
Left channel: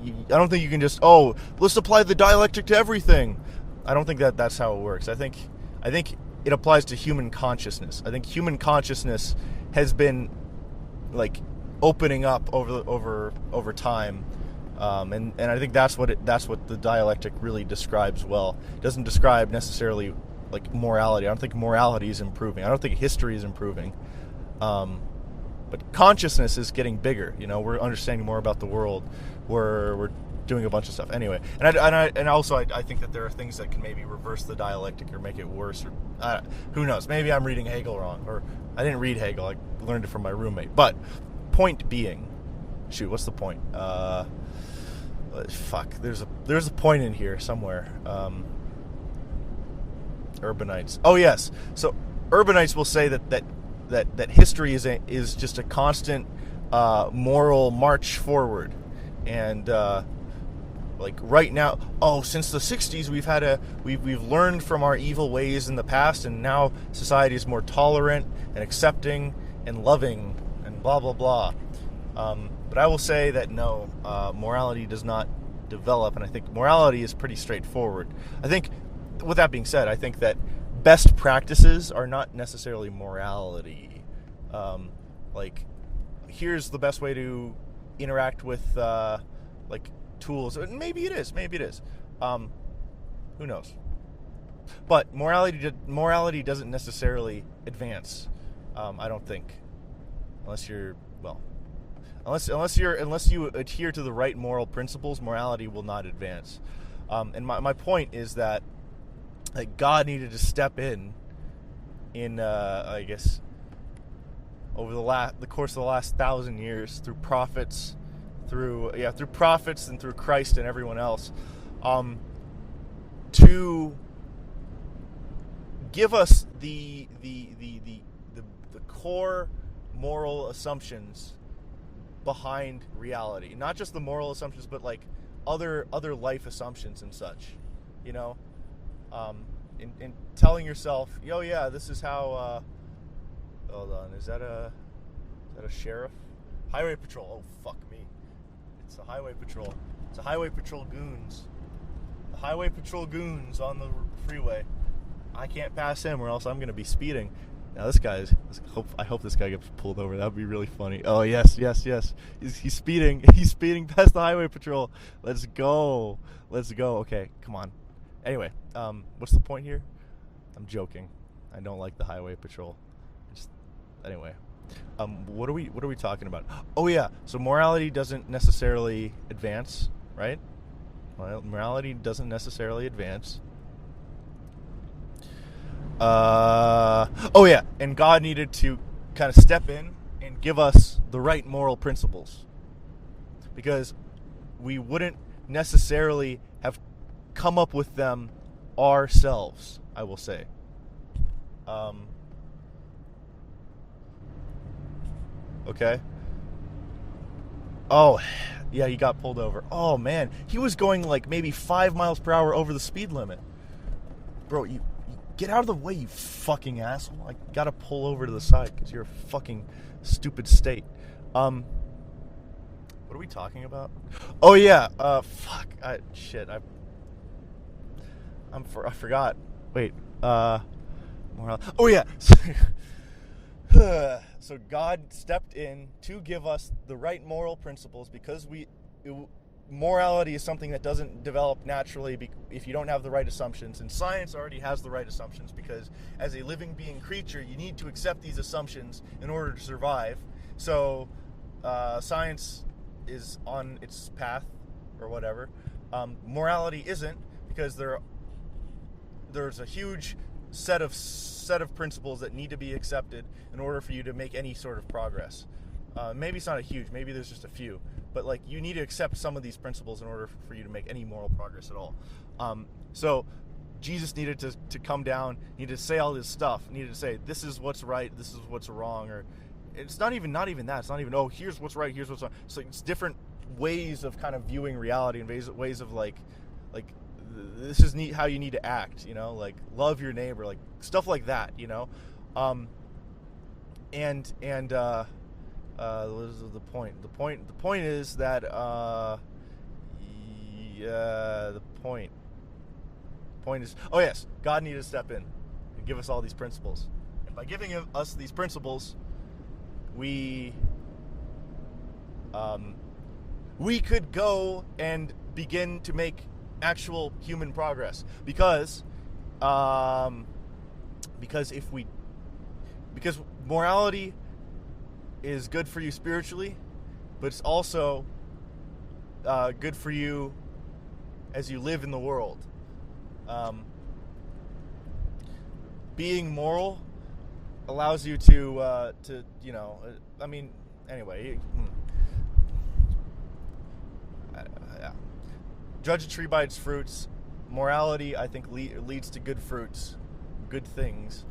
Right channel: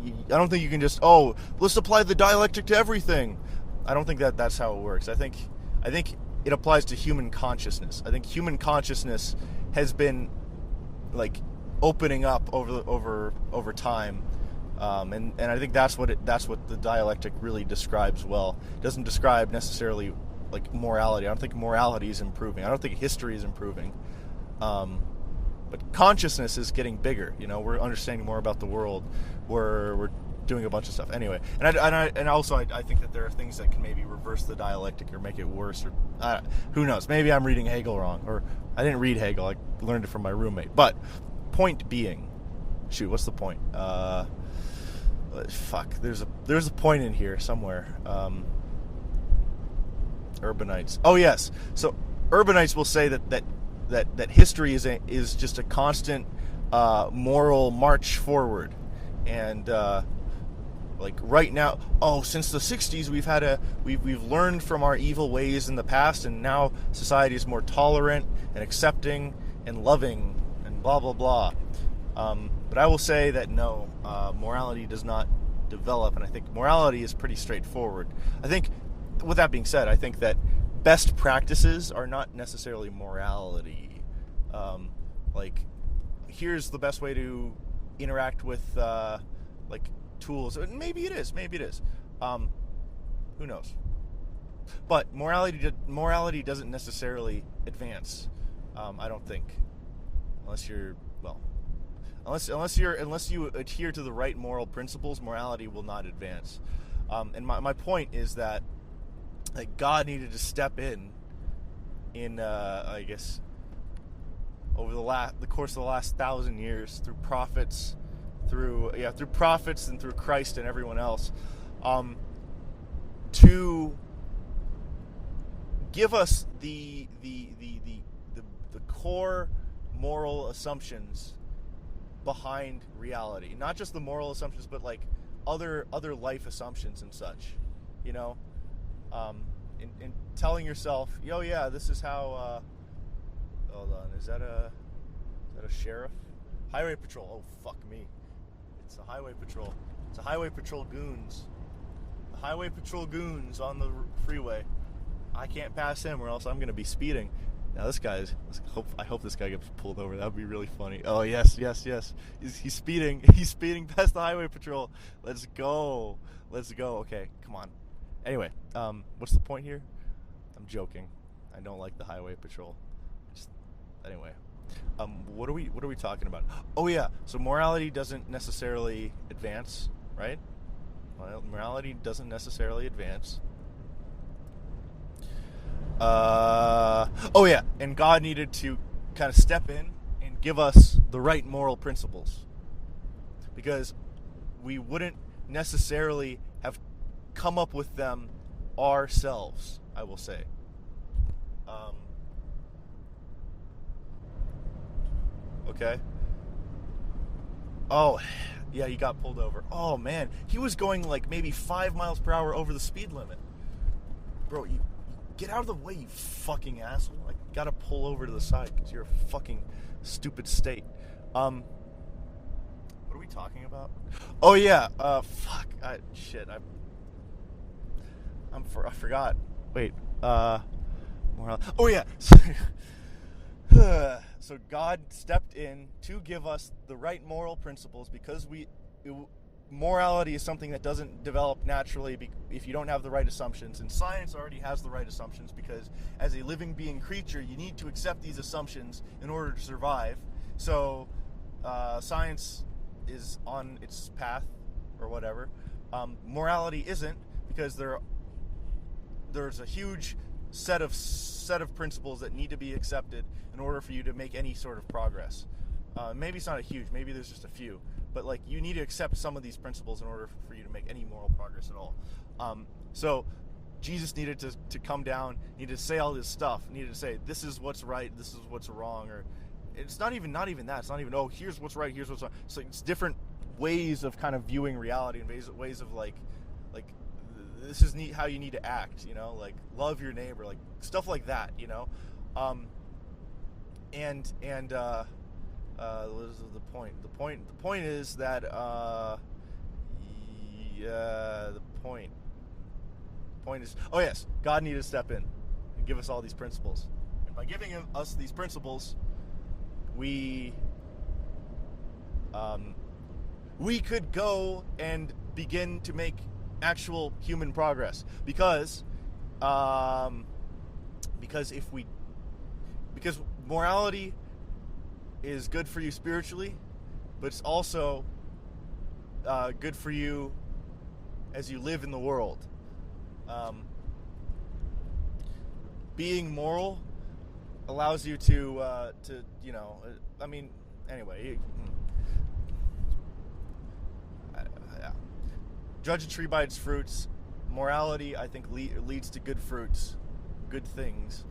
you can just, let's apply the dialectic to everything. I don't think that's how it works. I think it applies to human consciousness. I think human consciousness has been opening up over time, and I think that's what the dialectic really describes well. It doesn't describe necessarily morality. I don't think morality is improving. I don't think history is improving. But consciousness is getting bigger. We're understanding more about the world. We're doing a bunch of stuff. Anyway, and also I think that there are things that can maybe reverse the dialectic or make it worse. Or who knows? Maybe I'm reading Hegel wrong, or I didn't read Hegel. I learned it from my roommate. But point being, what's the point? There's a point in here somewhere. Urbanites. Oh yes. So urbanites will say that history is just a constant moral march forward, and right now, since the 60s we've learned from our evil ways in the past, and now society is more tolerant and accepting and loving and blah blah blah. But I will say that no, morality does not develop, and I think morality is pretty straightforward. I think, with that being said, I think that best practices are not necessarily morality. Here's the best way to interact with tools. Maybe it is. Who knows? But morality doesn't necessarily advance. I don't think, unless you adhere to the right moral principles, morality will not advance. And my point is that God needed to step in I guess over the course of the last 1,000 years through prophets, through prophets and through Christ and everyone else, to give us the core moral assumptions behind reality. Not just the moral assumptions, but other life assumptions and such. In telling yourself, this is how. Hold on, is that a sheriff? Highway patrol. Oh fuck me! It's a highway patrol. It's a highway patrol goons. The highway patrol goons on the freeway. I can't pass him, or else I'm going to be speeding. Now this guy's. I hope this guy gets pulled over. That would be really funny. Oh yes. He's speeding. He's speeding past the highway patrol. Let's go. Okay, come on. Anyway, what's the point here? I'm joking. I don't like the highway patrol. Anyway, what are we talking about? Oh yeah. So morality doesn't necessarily advance, right? Well, morality doesn't necessarily advance. Oh yeah, and God needed to kind of step in and give us the right moral principles, because we wouldn't necessarily have come up with them ourselves, I will say. Okay. Oh, yeah, he got pulled over. Oh man, he was going like maybe 5 miles per hour over the speed limit. Bro, you get out of the way, you fucking asshole. I gotta pull over to the side because you're a fucking stupid state. What are we talking about? Oh yeah, fuck. I forgot. Wait, oh yeah. So God stepped in to give us the right moral principles, because morality is something that doesn't develop naturally if you don't have the right assumptions, and science already has the right assumptions, because as a living being creature you need to accept these assumptions in order to survive. So science is on its path or whatever. Morality isn't, because there's a huge set of principles that need to be accepted in order for you to make any sort of progress. Maybe it's not a huge, maybe there's just a few, but like you need to accept some of these principles in order for you to make any moral progress at all. So Jesus needed to come down, needed to say all this stuff, needed to say this is what's right, this is what's wrong, or it's not even that. It's not even, oh, here's what's right, here's what's wrong. So it's different ways of kind of viewing reality, and ways of like this is how you need to act, you know, like love your neighbor, like stuff like that, you know. And what is the point? The point is that the point is, oh yes, God needed to step in and give us all these principles, and by giving us these principles, we could go and begin to make actual human progress, because morality is good for you spiritually, but it's also good for you as you live in the world. Being moral allows you to you know, I mean, anyway. Judge a tree by its fruits. Morality, I think, leads to good fruits, good things,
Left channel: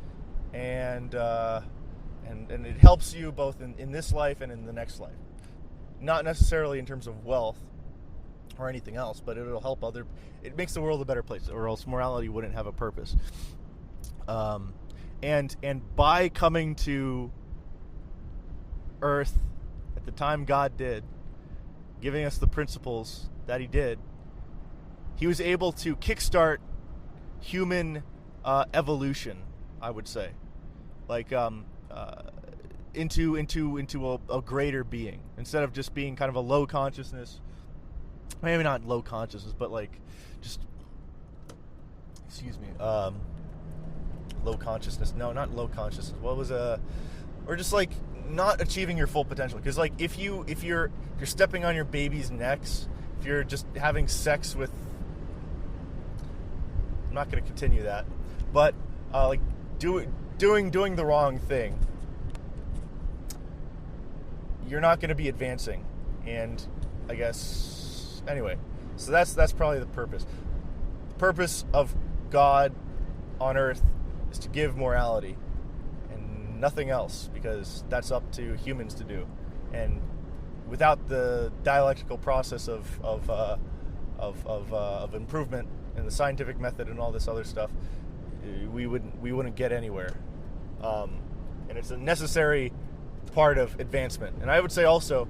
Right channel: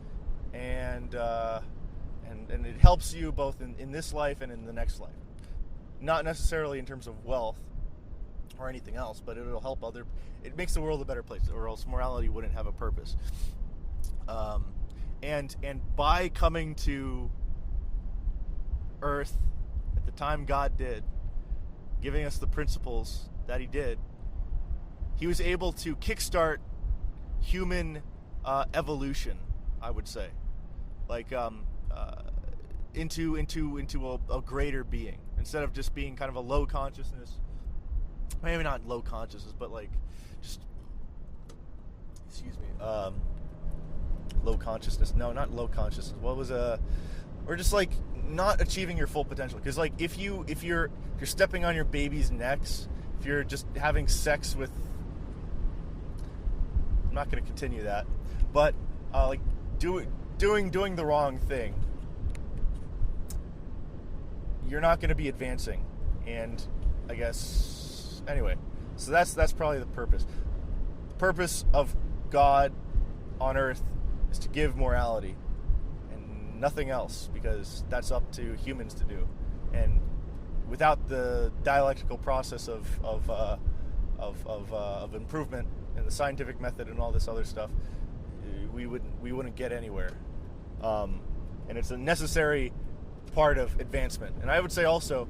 and it helps you both in this life and in the next life. Not necessarily in terms of wealth or anything else, but it'll help it makes the world a better place, or else morality wouldn't have a purpose. And by coming to earth at the time God did, giving us the principles that he did, he was able to kickstart human evolution, I would say, like into a greater being, instead of just being kind of a low consciousness. Maybe not low consciousness, but like just, excuse me, low consciousness. No, not low consciousness. What was or just like not achieving your full potential. Because like if you're stepping on your baby's necks, if you're just having sex with, I'm not going to continue that, but like doing the wrong thing, you're not going to be advancing. And I guess anyway, so that's probably the purpose. The purpose of God on earth is to give morality and nothing else, because that's up to humans to do. And without the dialectical process of improvement and the scientific method and all this other stuff, we wouldn't get anywhere. And it's a necessary part of advancement. And I would say also,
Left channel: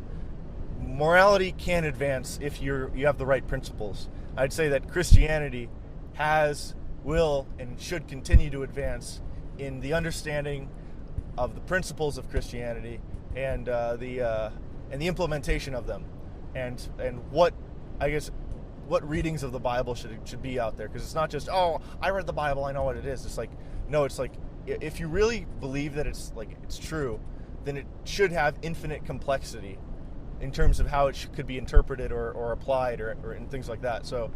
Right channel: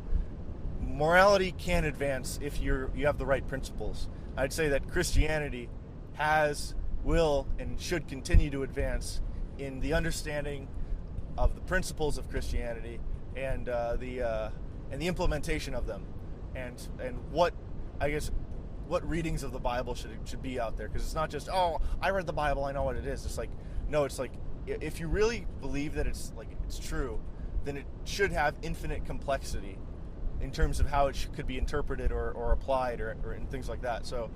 morality can advance if you have the right principles. I'd say that Christianity will and should continue to advance in the understanding the principles of Christianity and the implementation of them, and what, I guess, what readings of the Bible should be out there, because it's not just, oh, I read the Bible, I know what it is. It's like, no, it's like, if you really believe that it's true, then it should have infinite complexity in terms of how it could be interpreted or applied or and things like that. So,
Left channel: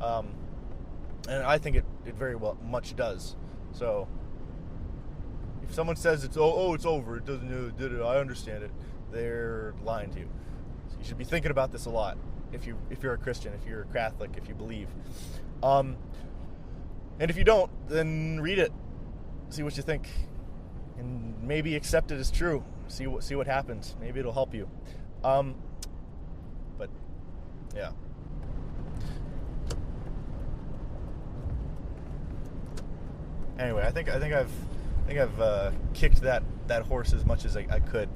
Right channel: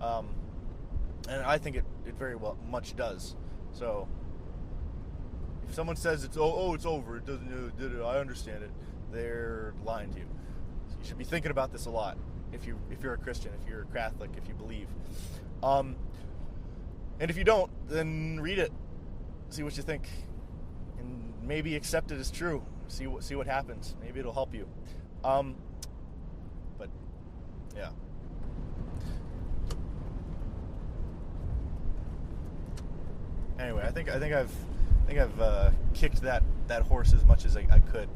and I think it very well much does. So, if someone says it's over, it doesn't, I understand it, they're lying to you. So you should be thinking about this a lot. If you're a Christian, if you're a Catholic, if you believe, and if you don't, then read it, see what you think, and maybe accept it as true. See what happens. Maybe it'll help you. But yeah. Anyway, I think I've kicked that horse as much as I could.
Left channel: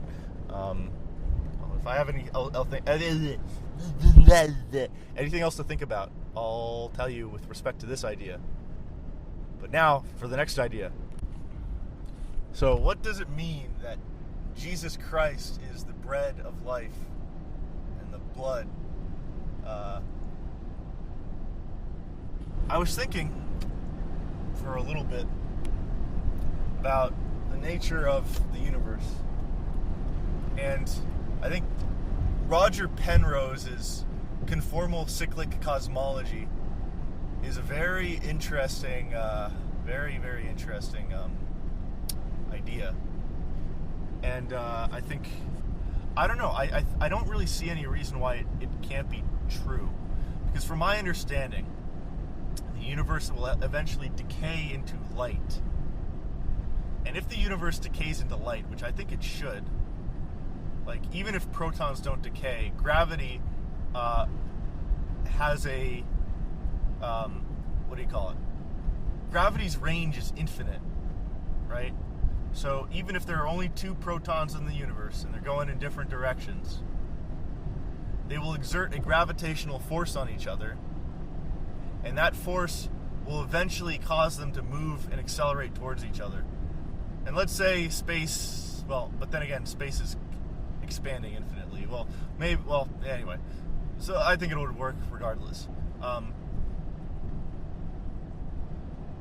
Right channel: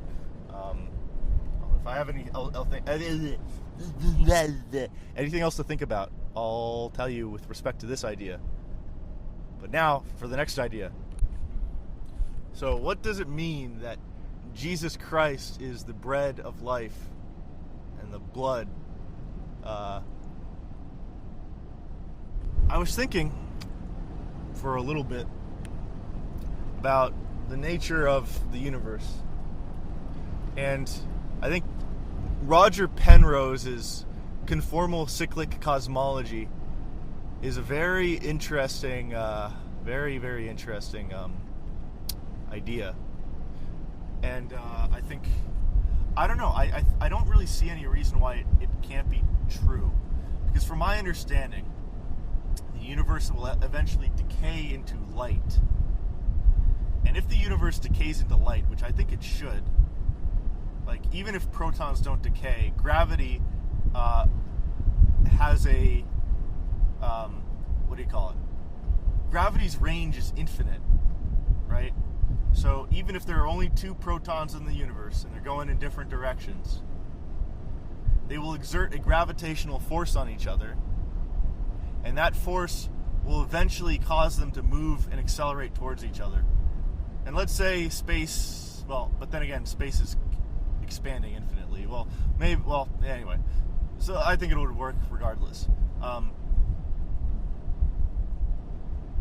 If I have anything else to think about, I'll tell you with respect to this idea. But now for the next idea. So, what does it mean that Jesus Christ is the bread of life and the blood? I was thinking for a little bit about the nature of the universe, and I think Roger Penrose's conformal cyclic cosmology is a very interesting, very interesting idea. And I think, I don't know, I don't really see any reason why it can't be true. Because from my understanding, the universe will eventually decay into light. And if the universe decays into light, which I think it should, like, even if protons don't decay, gravity has a, what do you call it? Gravity's range is infinite, right? So even if there are only 2 protons in the universe and they're going in different directions, they will exert a gravitational force on each other, and that force will eventually cause them to move and accelerate towards each other. And let's say space, well, but then again, space is expanding infinitely. Well, maybe, well, anyway. So I think it would work regardless.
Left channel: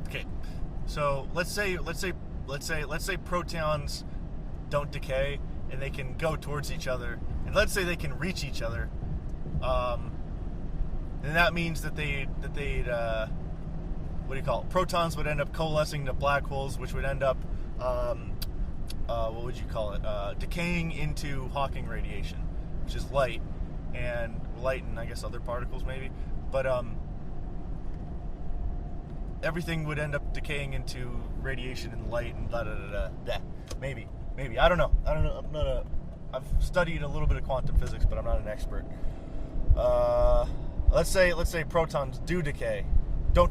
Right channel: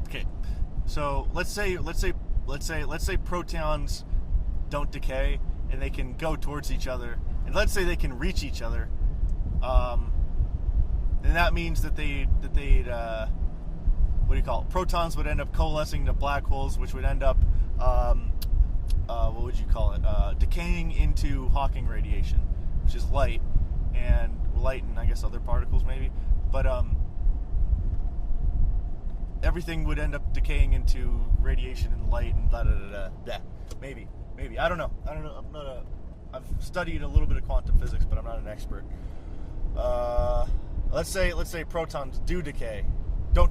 Okay. So let's say protons don't decay and they can go towards each other, and let's say they can reach each other. And that means that they'd what do you call it? Protons would end up coalescing to black holes, which would end up what would you call it? Decaying into Hawking radiation, which is light and I guess other particles maybe, but everything would end up decaying into radiation and light and blah, blah, blah, blah. Maybe I don't know. I've studied a little bit of quantum physics, but I'm not an expert. Let's say protons do decay, do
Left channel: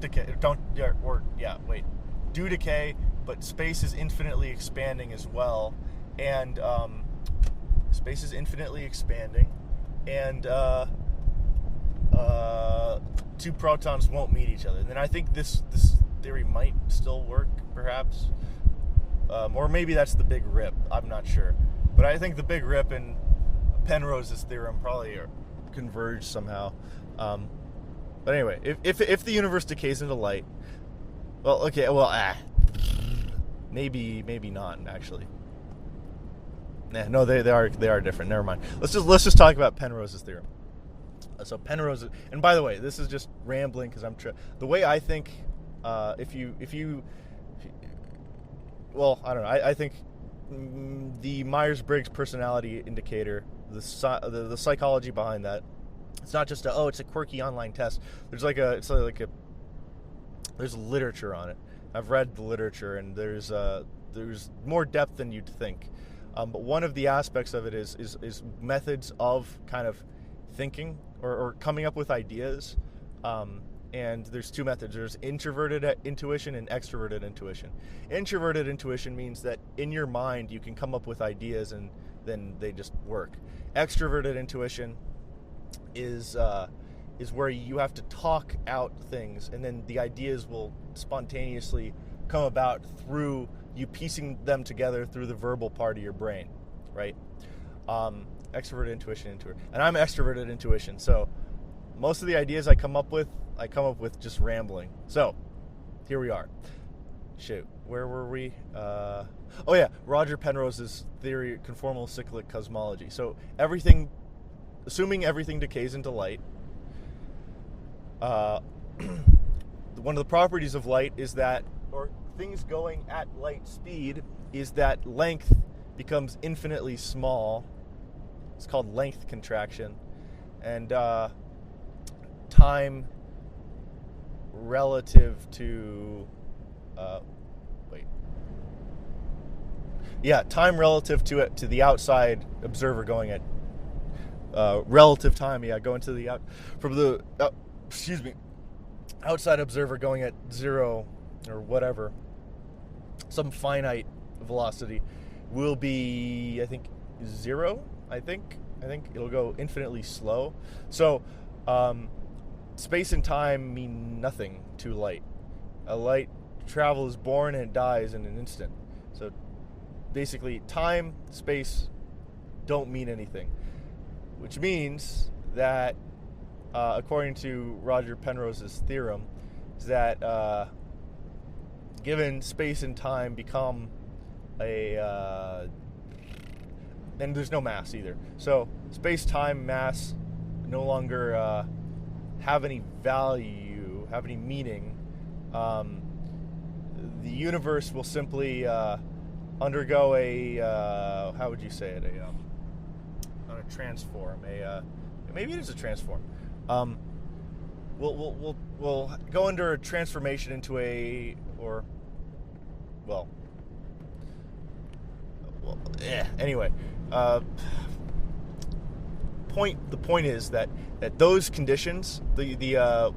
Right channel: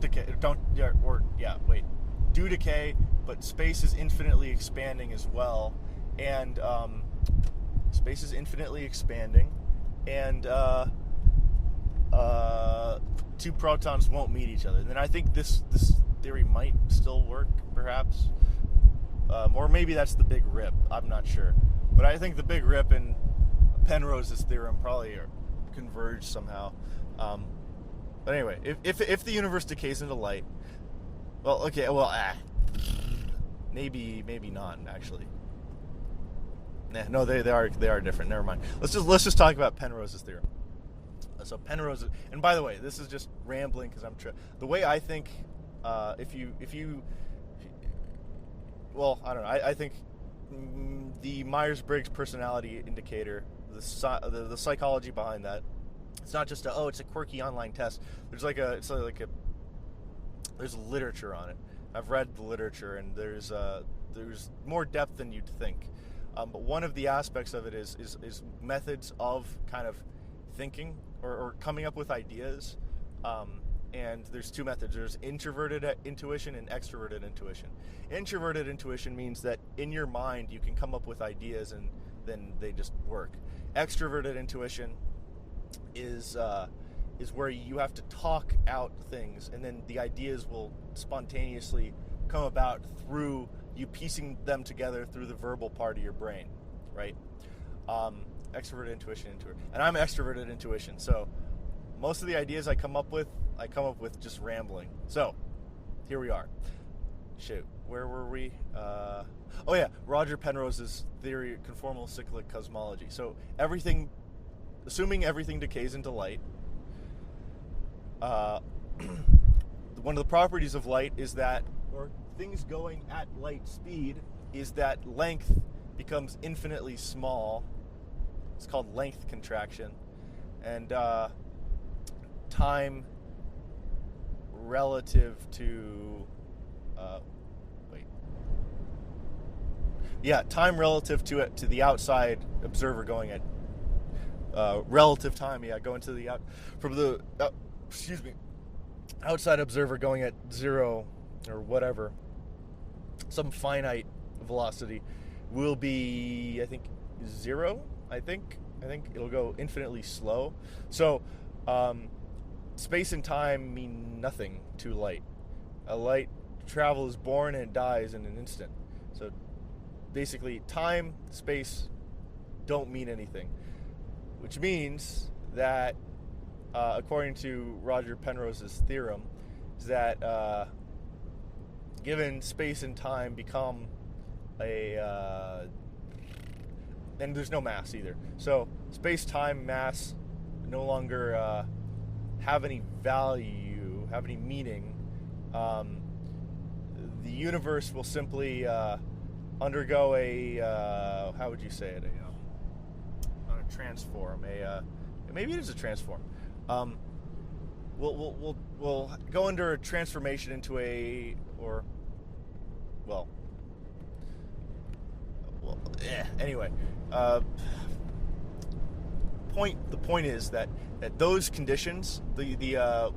decay, but space is infinitely expanding as well, and space is infinitely expanding, and 2 protons won't meet each other. And then I think this theory might still work, perhaps, or maybe that's the Big Rip. I'm not sure, but I think the Big Rip and Penrose's theorem probably converge somehow. But anyway, if the universe decays into light, well, okay, well, maybe not actually. No, they are different. Never mind. Let's just talk about Penrose's theorem. So Penrose, and by the way, this is just rambling because the way I think, if you, well, I don't know. I think the Myers-Briggs personality indicator, the psychology behind that, it's not just it's a quirky online test. There's there's literature on it. I've read the literature, and there's more depth than you'd think. But one of the aspects of it is methods of kind of thinking or coming up with ideas. And there's 2 methods. There's introverted intuition and extroverted intuition. Introverted intuition means that in your mind you can come up with ideas and then they just work. Extroverted intuition is where you have to talk out things, and then the ideas will spontaneously come about through you piecing them together through the verbal part of your brain, right? Extroverted intuition, and I'm extroverted intuition. So most of the ideas I come up with just rambling. So here we are. Shoot, where were we? Oh yeah, Roger Penrose's theory, conformal cyclic cosmology. So assuming everything decays into light, one of the properties of light is that, or things going at light speed, is that length becomes infinitely small. It's called length contraction. And time relative to time relative to the outside observer going at relative time, going to the outside observer going at 0 or whatever, some finite velocity will be, I think, 0. I think it'll go infinitely slow. So space and time mean nothing to light. A light travel is born and dies in an instant. So basically, time, space don't mean anything, which means that according to Roger Penrose's theorem, is that given space and time become and there's no mass either. So space-time, mass no longer have any value, have any meaning. The universe will simply undergo how would you say it? Not a transform. Maybe it is a transform. We'll go under a transformation into anyway. The point is that those conditions, the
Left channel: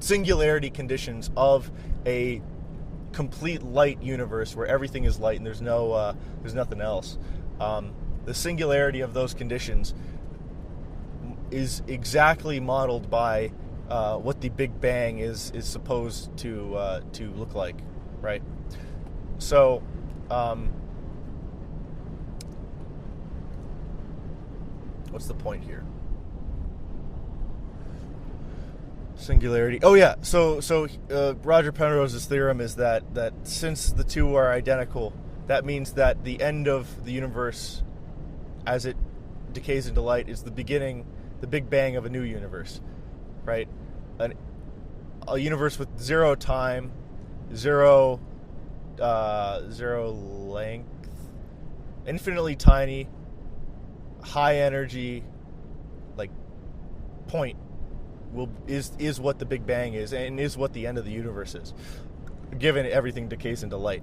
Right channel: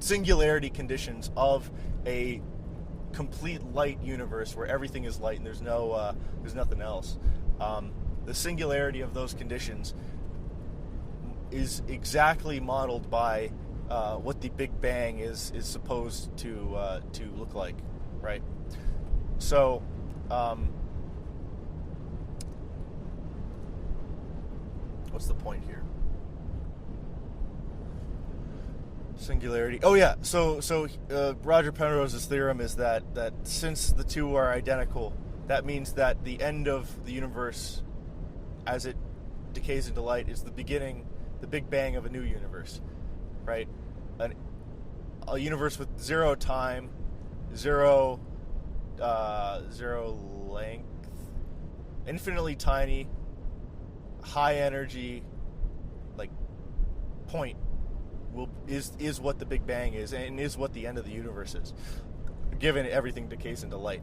singularity conditions of a complete light universe where everything is light and there's nothing else, the singularity of those conditions is exactly modeled by what the Big Bang is supposed to look like, right? So what's the point here? Singularity. Oh yeah. So Roger Penrose's theorem is that since the two are identical, that means that the end of the universe, as it decays into light, is the beginning, the Big Bang of a new universe, right? A universe with 0 time, 0 length, infinitely tiny, high energy, like point is what the Big Bang is, and is what the end of the universe is, given everything decays into light.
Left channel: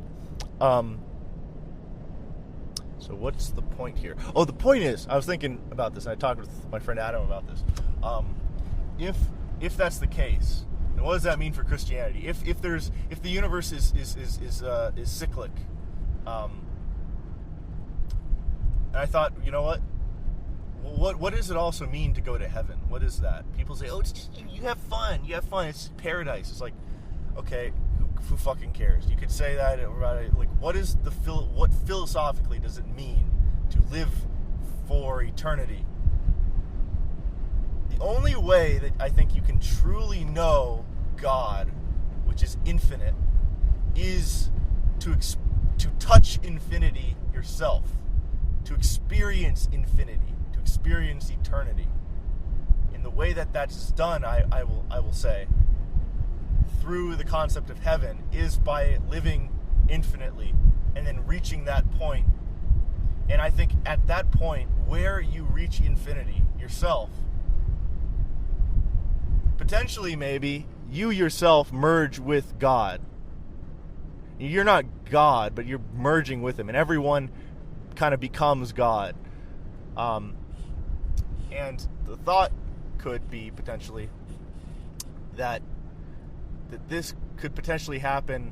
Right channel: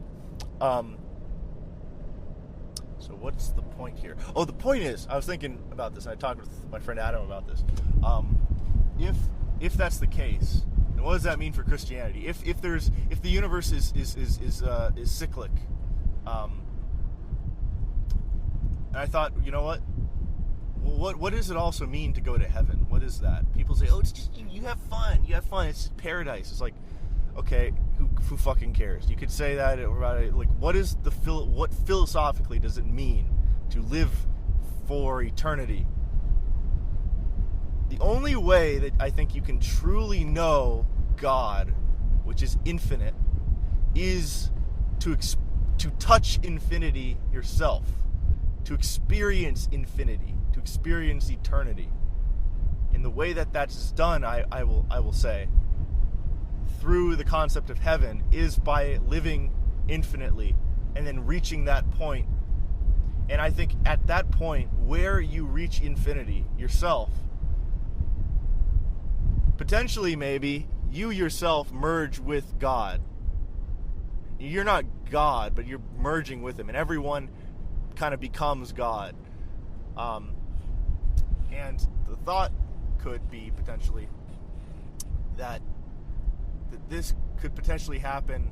So what's the point here? Oh, the point is, I was thinking about this, and I talked with my friend Adam about this. If that's the case, then what does that mean for Christianity? If the universe is cyclic, and I thought, you know what? What does it also mean to go to heaven? What is that? People say, oh, it's just, you have fun. It's paradise. It's like, okay, who fucking cares? You could say that about it. Like, what philosophically does it mean to live for eternity? The only way that I think you can truly know God, which is infinite, is to touch infinity yourself, to experience infinity, to experience eternity. In the way that that's done, I will say, through the concept of heaven, is by living infinitely and then reaching that point. And I think at that point, where you reach infinity yourself, potentially maybe you yourself merge with God. You're not God, but you're merging with him, and everyone kind of becomes God. And the thought could be potentially that this could potentially happen.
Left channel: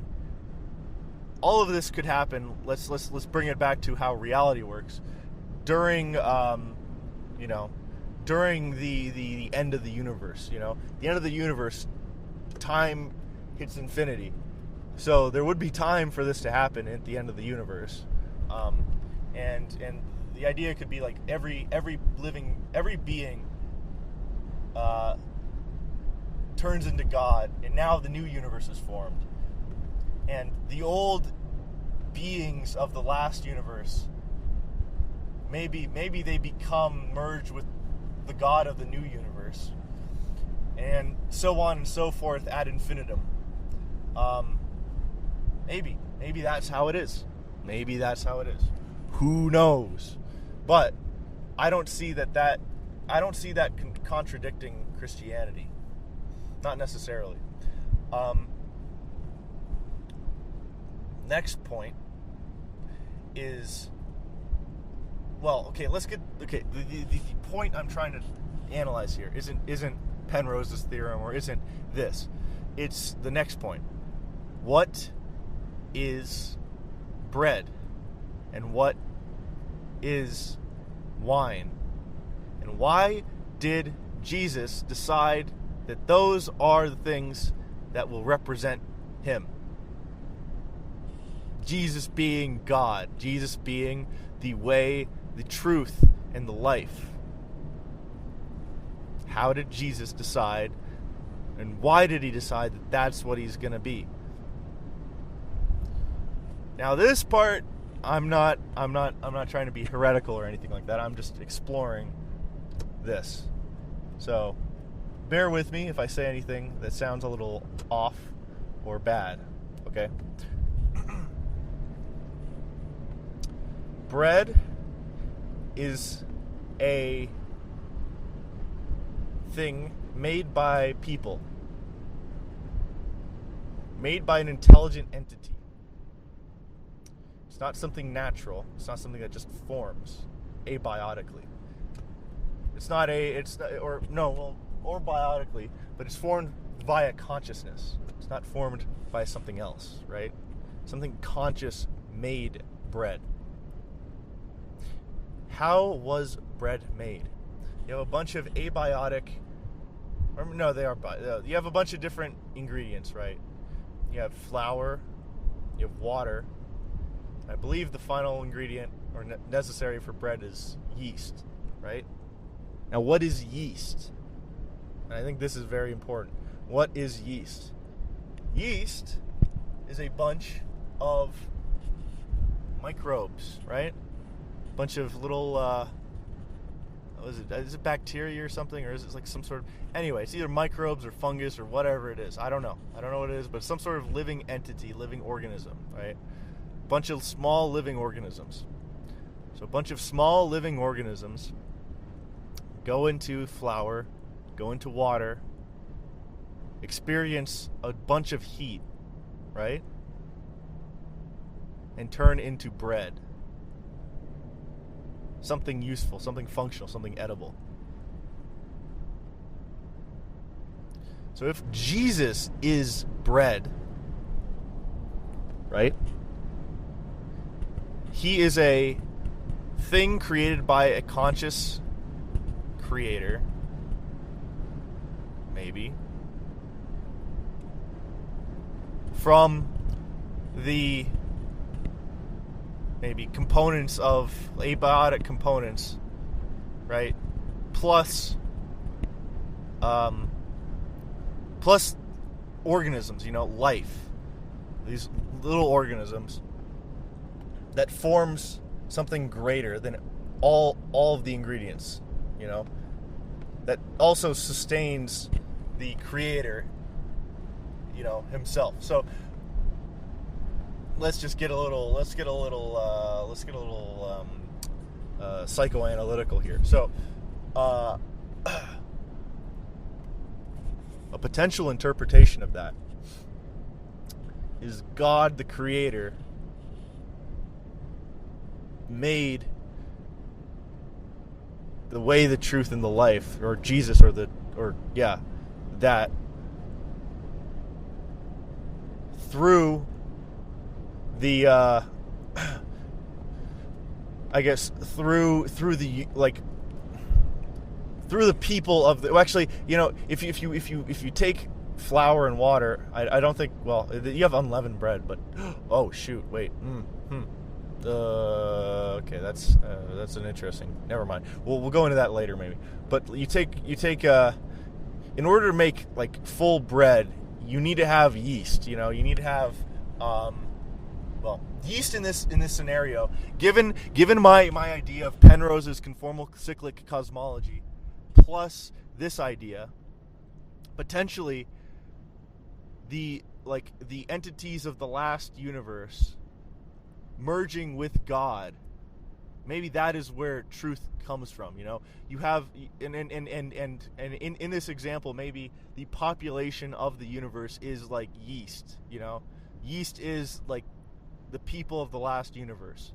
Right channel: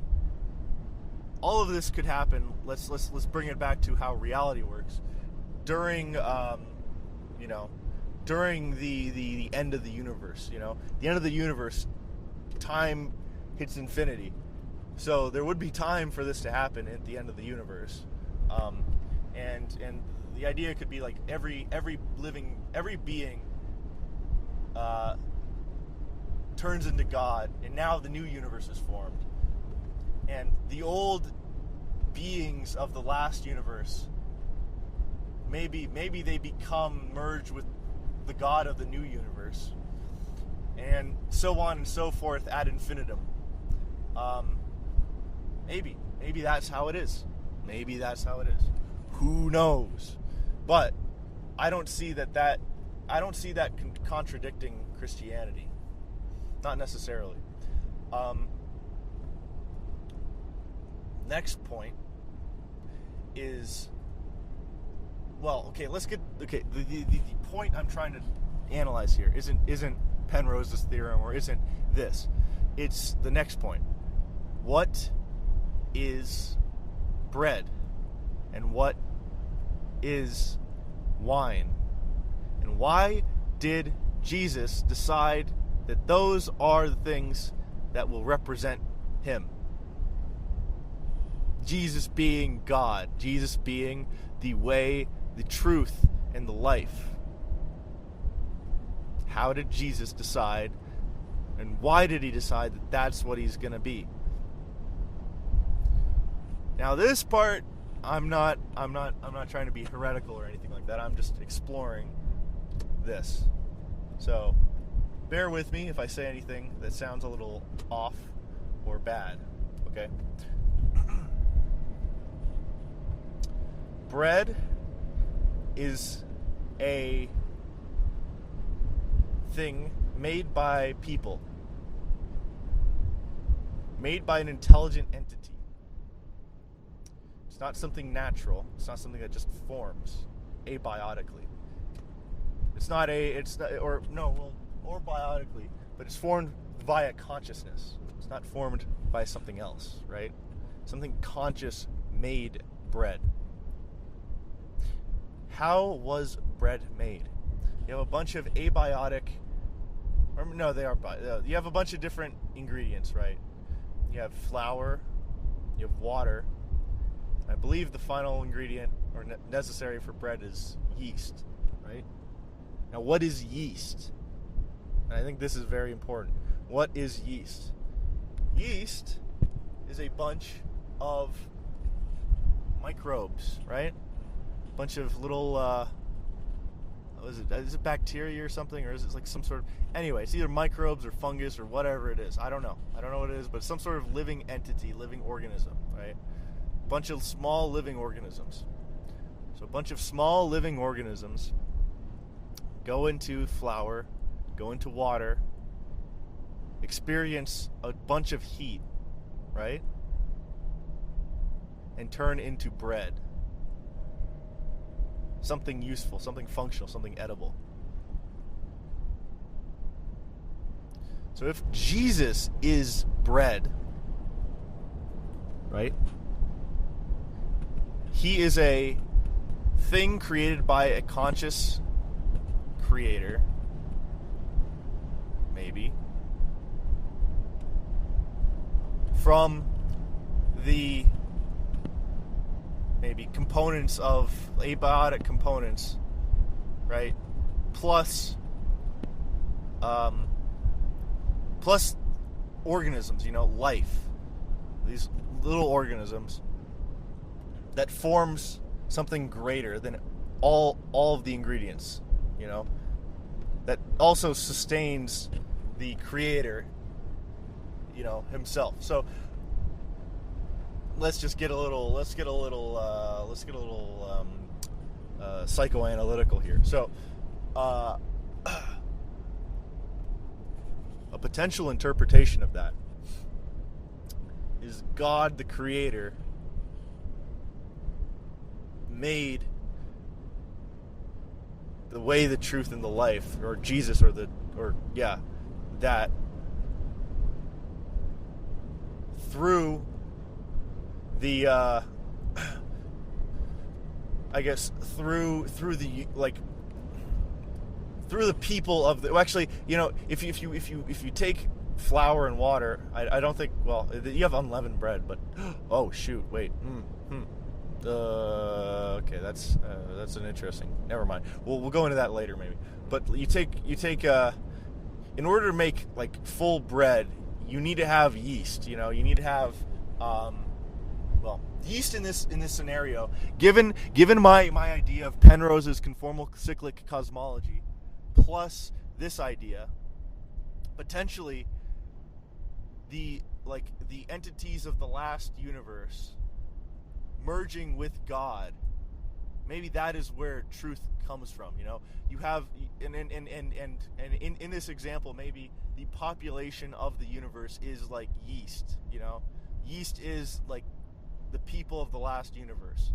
All of this could happen. Let's bring it back to how reality works during during the end of the universe. The end of the universe, time hits infinity. So there would be time for this to happen at the end of the universe, and the idea could be like every being turns into God, and now the new universe is formed, and the old beings of the last universe, maybe they become merged with the God of the new universe, and so on and so forth ad infinitum. Maybe that's how it is. Maybe that's how it is. Who knows? But I don't see that contradicting Christianity. Not necessarily. Next point is, the point I'm trying to analyze here isn't Penrose's theorem, or isn't this. It's the next point. What is bread? And what is wine? And why did Jesus decide that those are the things that will represent him? Jesus being God, Jesus being the way, the truth, and the life. How did Jesus decide, and why did he decide that that's what he's going to be? Now this part, I'm not trying to be heretical or anything like that. I'm just exploring this. So bear with me if I say anything that sounds a little off or bad, okay? Bread is a thing made by people, made by an intelligent entity. It's not something natural. It's not something that just forms abiotically. Or biotically, but it's formed via consciousness. It's not formed by something else, right? Something conscious made bread. How was bread made? You have a bunch of abiotic, you have a bunch of different ingredients, right? You have flour, you have water. I believe the final ingredient or necessary for bread is yeast, right? Now, what is yeast? And I think this is very important. What is yeast? Yeast is a bunch of microbes, right? A bunch of little, is it bacteria or something? Or is it like some sort of, anyway, it's either microbes or fungus or whatever it is. I don't know what it is, but some sort of living entity, living organism, right? Bunch of small living organisms. So a bunch of small living organisms go into flour, go into water, experience a bunch of heat, right? And turn into bread. Something useful, something functional, something edible. So if Jesus is bread, right? He is a thing created by a conscious creator, maybe, from the maybe components of abiotic components, right? Plus organisms, life. These little organisms that forms something greater than all of the ingredients, that also sustains the creator, himself. So let's get a little psychoanalytical here. So a potential interpretation of that is God the creator made the way, the truth, and the life, or Jesus, that through the through the people of the, if you take flour and water. I don't think. Well, you have unleavened bread, but oh shoot, wait. Okay, that's an interesting. Never mind. We'll go into that later maybe. But you take in order to make like full bread, you need to have yeast. You need to have yeast in this scenario. Given my idea of Penrose's conformal cyclic cosmology, plus this idea, potentially the entities of the last universe merging with God, maybe that is where truth comes from. You have and in this example, maybe the population of the universe is like yeast. Yeast is like the people of the last universe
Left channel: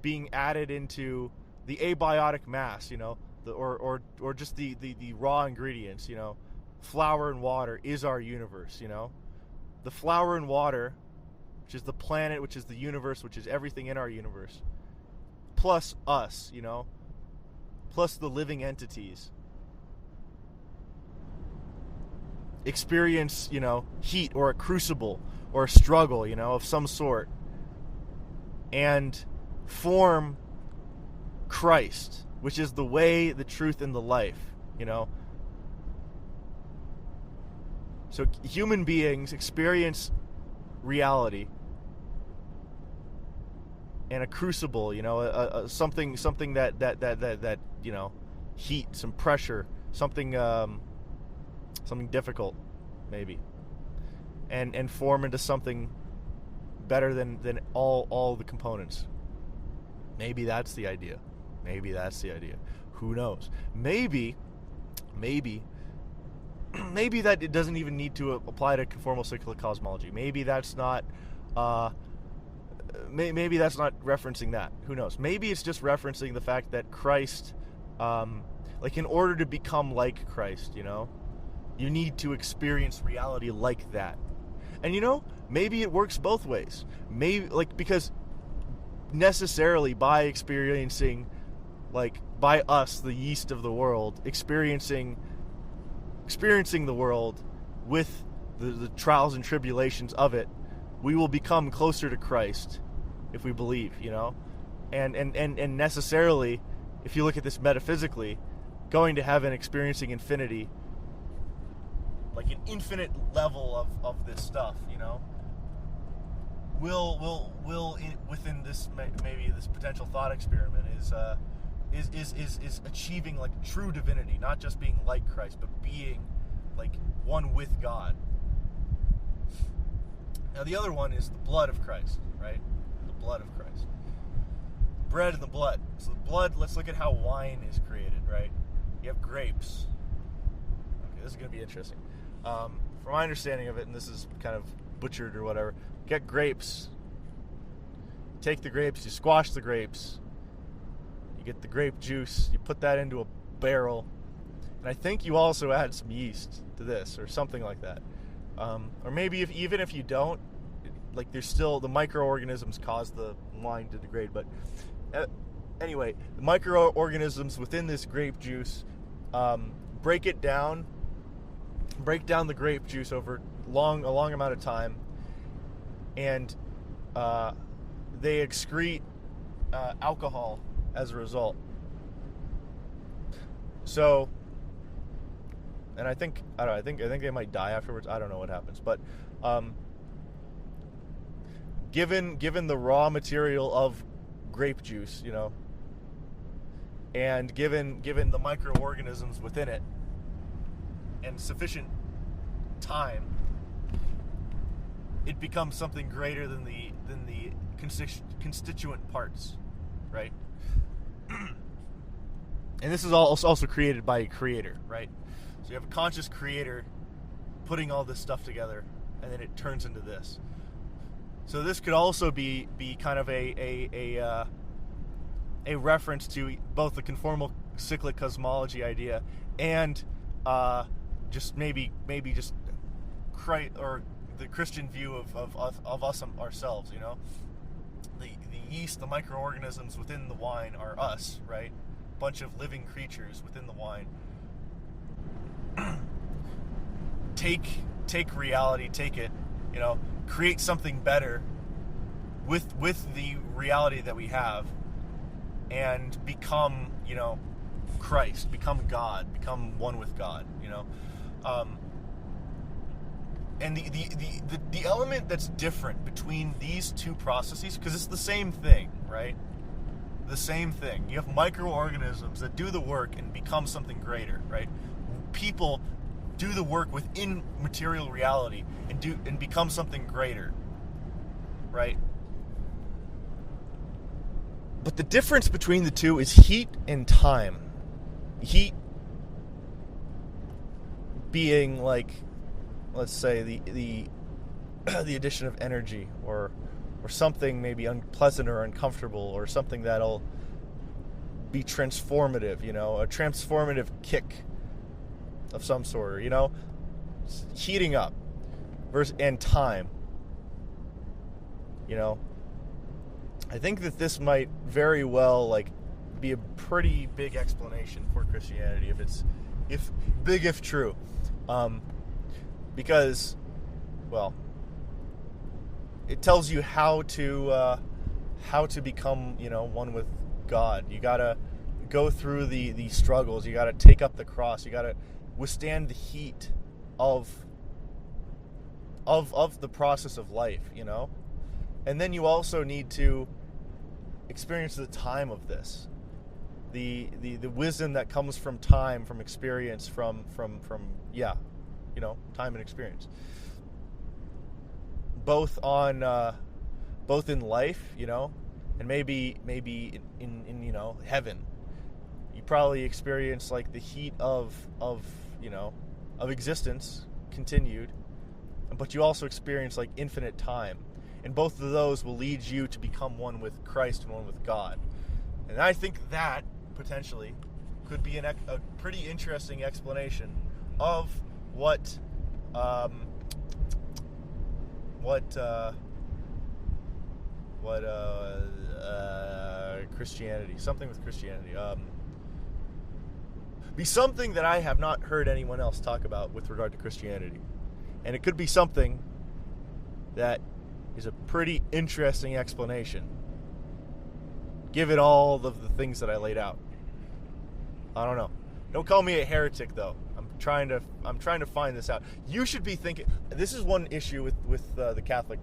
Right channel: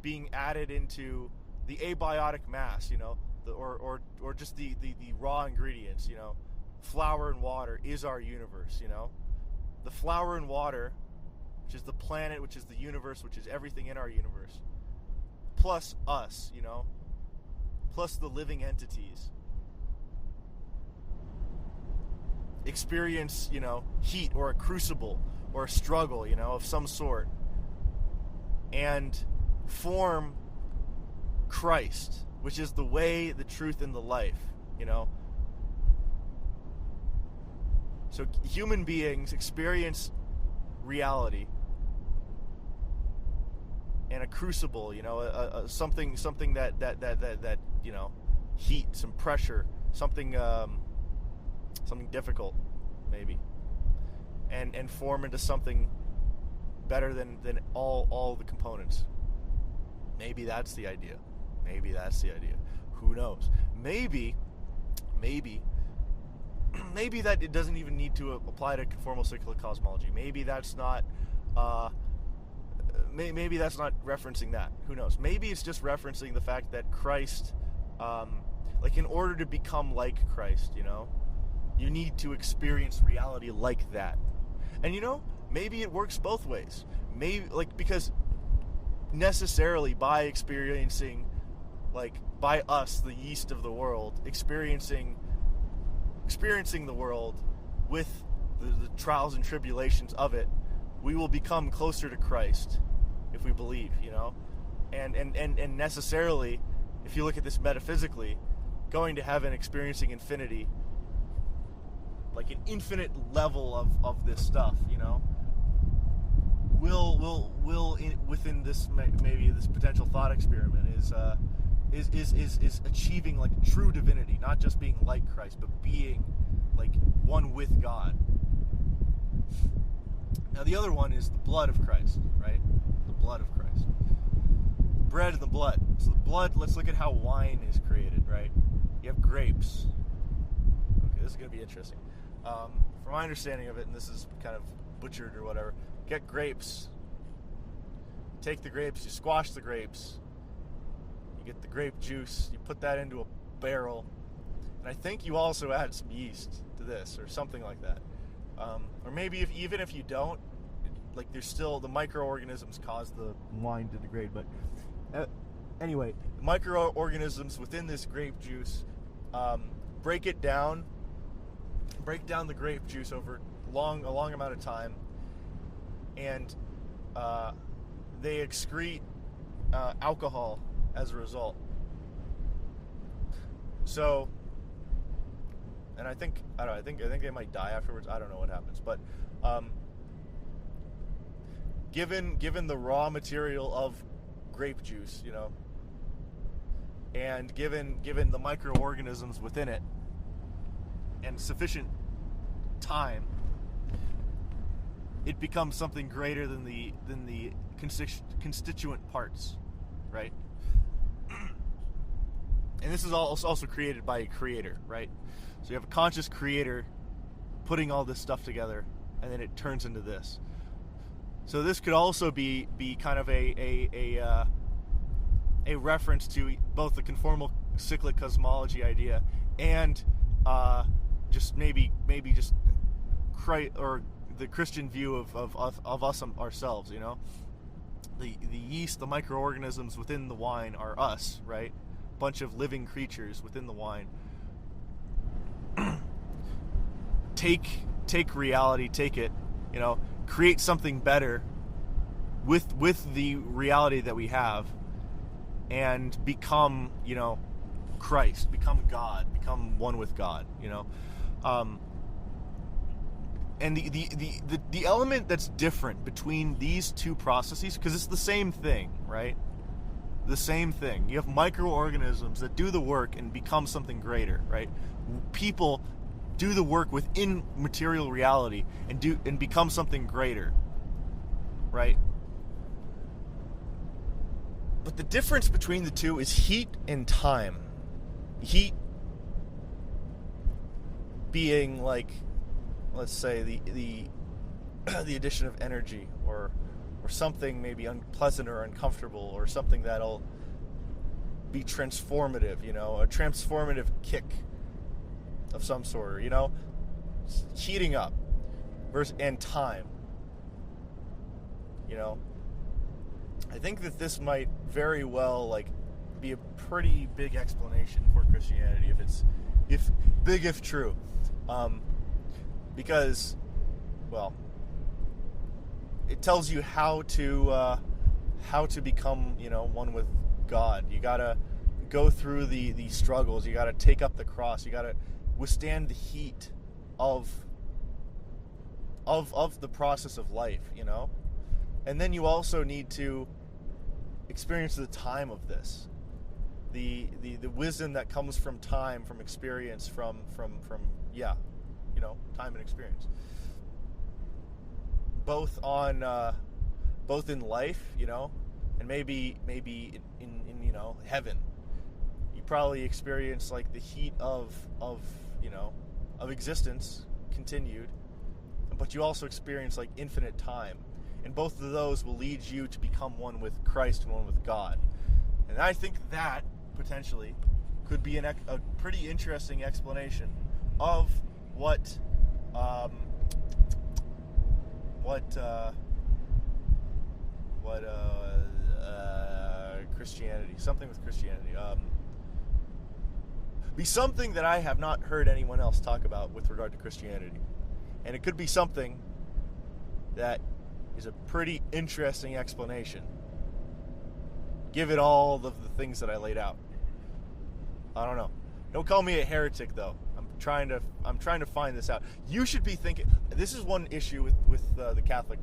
being added into the abiotic mass, or just the raw ingredients. Flour and water is our universe. The flour and water, which is the planet, which is the universe, which is everything in our universe, plus us, plus the living entities, experience, heat or a crucible or a struggle, of some sort, and form Christ, which is the way, the truth, and the life, So human beings experience reality and a crucible, something that heat, some pressure, something difficult, maybe, and form into something better than all the components. Maybe that's the idea. Who knows? Maybe that it doesn't even need to apply to conformal cyclic cosmology. Maybe that's not maybe that's not referencing that. Who knows? Maybe it's just referencing the fact that Christ, in order to become like Christ, you need to experience reality like that. And maybe it works both ways. Maybe because necessarily by experiencing, by us, the yeast of the world, experiencing the world with the trials and tribulations of it, we will become closer to Christ if we believe, and necessarily, if you look at this metaphysically, going to heaven, experiencing infinity, like an infinite level of this stuff, will within this maybe this potential thought experiment is achieving like true divinity, not just being like Christ, but being like one with God. Now the other one is the blood of Christ, right? The blood of Christ. Bread and the blood. So the blood, let's look at how wine is created, right? You have grapes. Okay, this is going to be interesting. From my understanding of it, and this is kind of butchered or whatever, get grapes. Take the grapes, you squash the grapes. You get the grape juice, you put that into a barrel, and I think you also add some yeast to this or something like that. Or maybe even if you don't, there's still the microorganisms cause the wine to degrade. But anyway, the microorganisms within this grape juice break down the grape juice over a long amount of time, and they excrete alcohol as a result. So, and I think they might die afterwards. I don't know what happens, but given the raw material of grape juice, and given the microorganisms within it, and sufficient time, it becomes something greater than the constituent parts, right? And this is also created by a creator, right? So you have a conscious creator putting all this stuff together, and then it turns into this. So this could also be kind of a reference to both the conformal cyclic cosmology idea and just maybe just or the Christian view of us ourselves. The yeast, the microorganisms within the wine are us, right? Bunch of living creatures within the wine. Take take reality, take it, create something better with the reality that we have, and become, Christ, become God, become one with God, and the element that's different between these two processes, because it's the same thing, right? The same thing. You have microorganisms that do the work and become something greater, right? People do the work within material reality and become something greater, right? But the difference between the two is heat and time. Heat being like, let's say, the addition of energy, or something maybe unpleasant or uncomfortable, or something that'll be transformative, a transformative kick of some sort, heating up, and time, I think that this might very well be a pretty big explanation for Christianity, if true, because, well, it tells you how to become, one with God. You gotta go through the struggles. You gotta take up the cross. You gotta withstand the heat of the process of life, and then you also need to experience the time of this, the wisdom that comes from time, from experience, from time and experience, both in life, and maybe in heaven. You probably experience the heat of existence continued, but you also experience infinite time, and both of those will lead you to become one with Christ and one with God. And I think that potentially could be a pretty interesting explanation of what Christianity, something with Christianity, be something that I have not heard anyone else talk about with regard to Christianity. And it could be something that is a pretty interesting explanation, given all of the things that I laid out. I don't know. Don't call me a heretic, though. I'm trying to find this out. You should be thinking. This is one issue with the Catholic.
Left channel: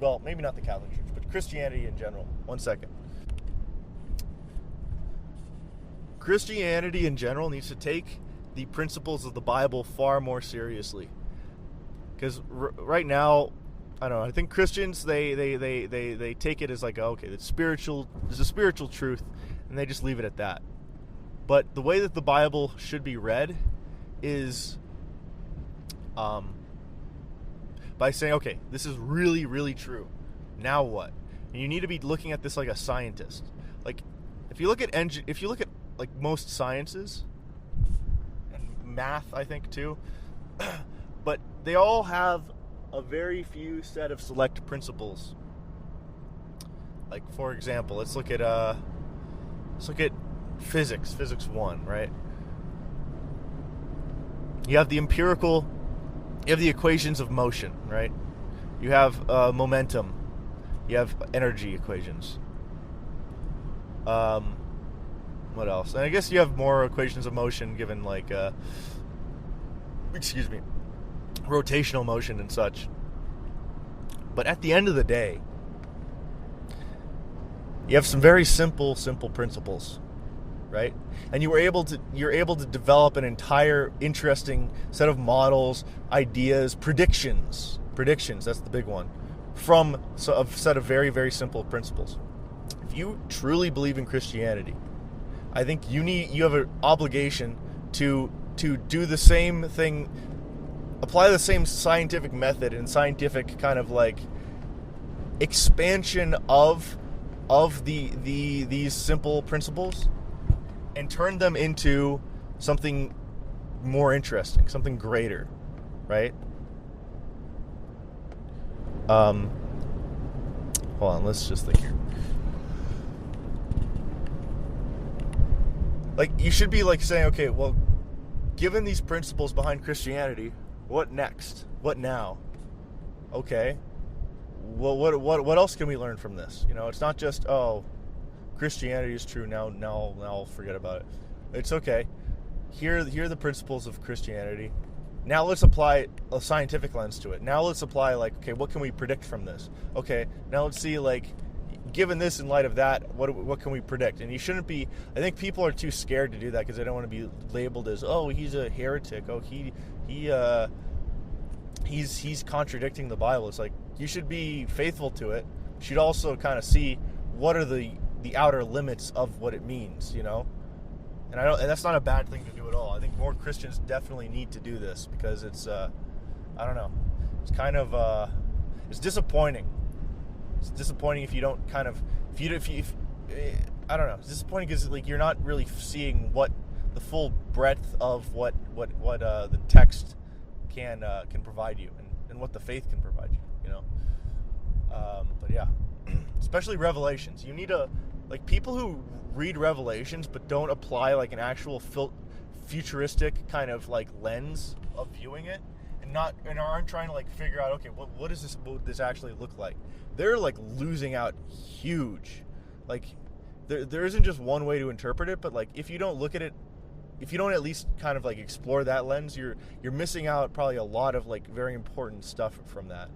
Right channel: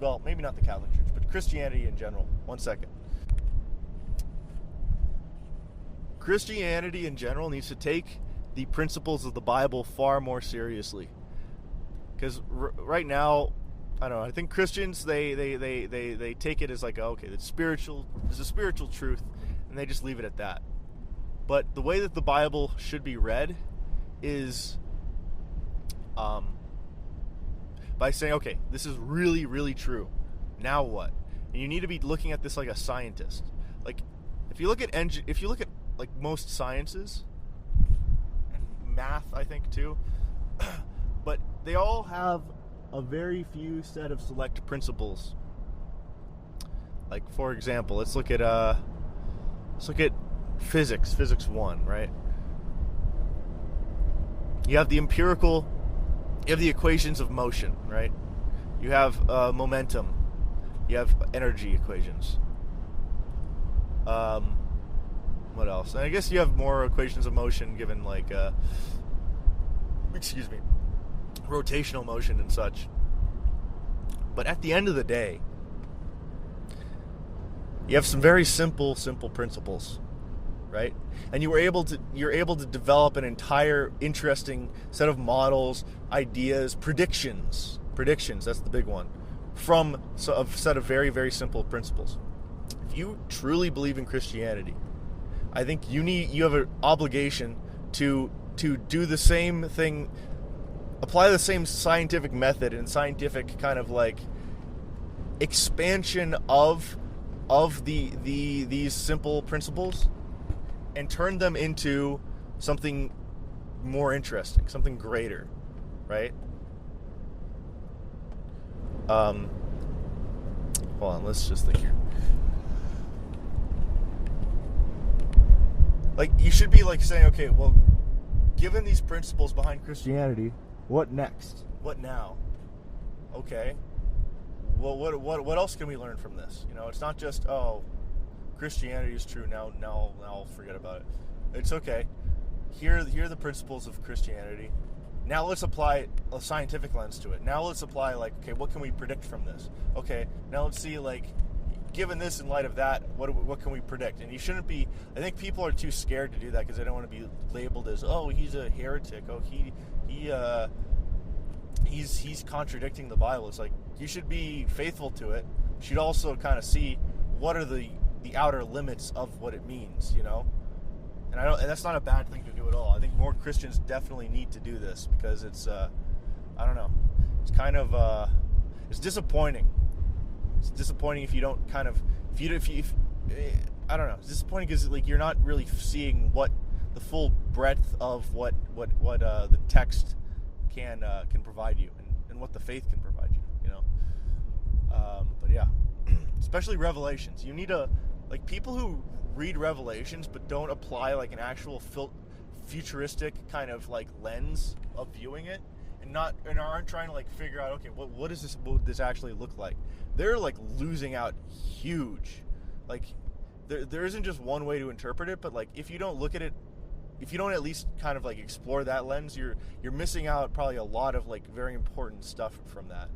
Well, maybe not the Catholic Church, but Christianity in general. One second. Christianity in general needs to take the principles of the Bible far more seriously. Because right now, I don't know, I think Christians, they take it as okay, it's spiritual, there's a spiritual truth, and they just leave it at that. But the way that the Bible should be read is by saying, okay, this is really, really true. Now what? And you need to be looking at this like a scientist. If you look at most sciences, and math, I think too, but they all have a very few set of select principles. For example, let's look at physics 1, right? You have the equations of motion, right? You have momentum. You have energy equations. What else? And I guess you have more equations of motion given rotational motion and such. But at the end of the day, you have some very simple principles, right? And you're able to develop an entire interesting set of models, ideas, predictions. That's the big one. From a set of very, very simple principles. If you truly believe in Christianity, I think you have an obligation to do the same thing, apply the same scientific method and scientific kind of expansion of these simple principles, and turn them into something more interesting, something greater, right? Hold on, let's just think here. You should be saying, okay, well, given these principles behind Christianity, what next? What now? Okay. Well, what else can we learn from this? It's not just, oh, Christianity is true. Now I'll forget about it. It's okay. Here are the principles of Christianity. Now let's apply a scientific lens to it. Now let's apply, like, okay, what can we predict from this? Okay, now let's see, like, given this in light of that, what can we predict? And you shouldn't be. I think people are too scared to do that because they don't want to be labeled as, oh, he's a heretic. Oh, he's contradicting the Bible. It's like, you should be faithful to it. You should also kind of see what are the outer limits of what it means, And that's not a bad thing to do at all. I think more Christians definitely need to do this because it's, I don't know, it's kind of, it's disappointing. It's disappointing if you don't kind of, if I don't know, it's disappointing because, like, you're not really seeing what the full breadth of what the text can provide you and what the faith can provide you, But yeah, especially Revelations. You need like, people who read Revelations but don't apply, like, an actual futuristic kind of, like, lens of viewing it, and aren't trying to, like, figure out, okay, what would this actually look like? They're, like, losing out huge. Like, there isn't just one way to interpret it, but, like, if you don't look at it, if you don't at least kind of, like, explore that lens, you're missing out probably a lot of, like, very important stuff from that.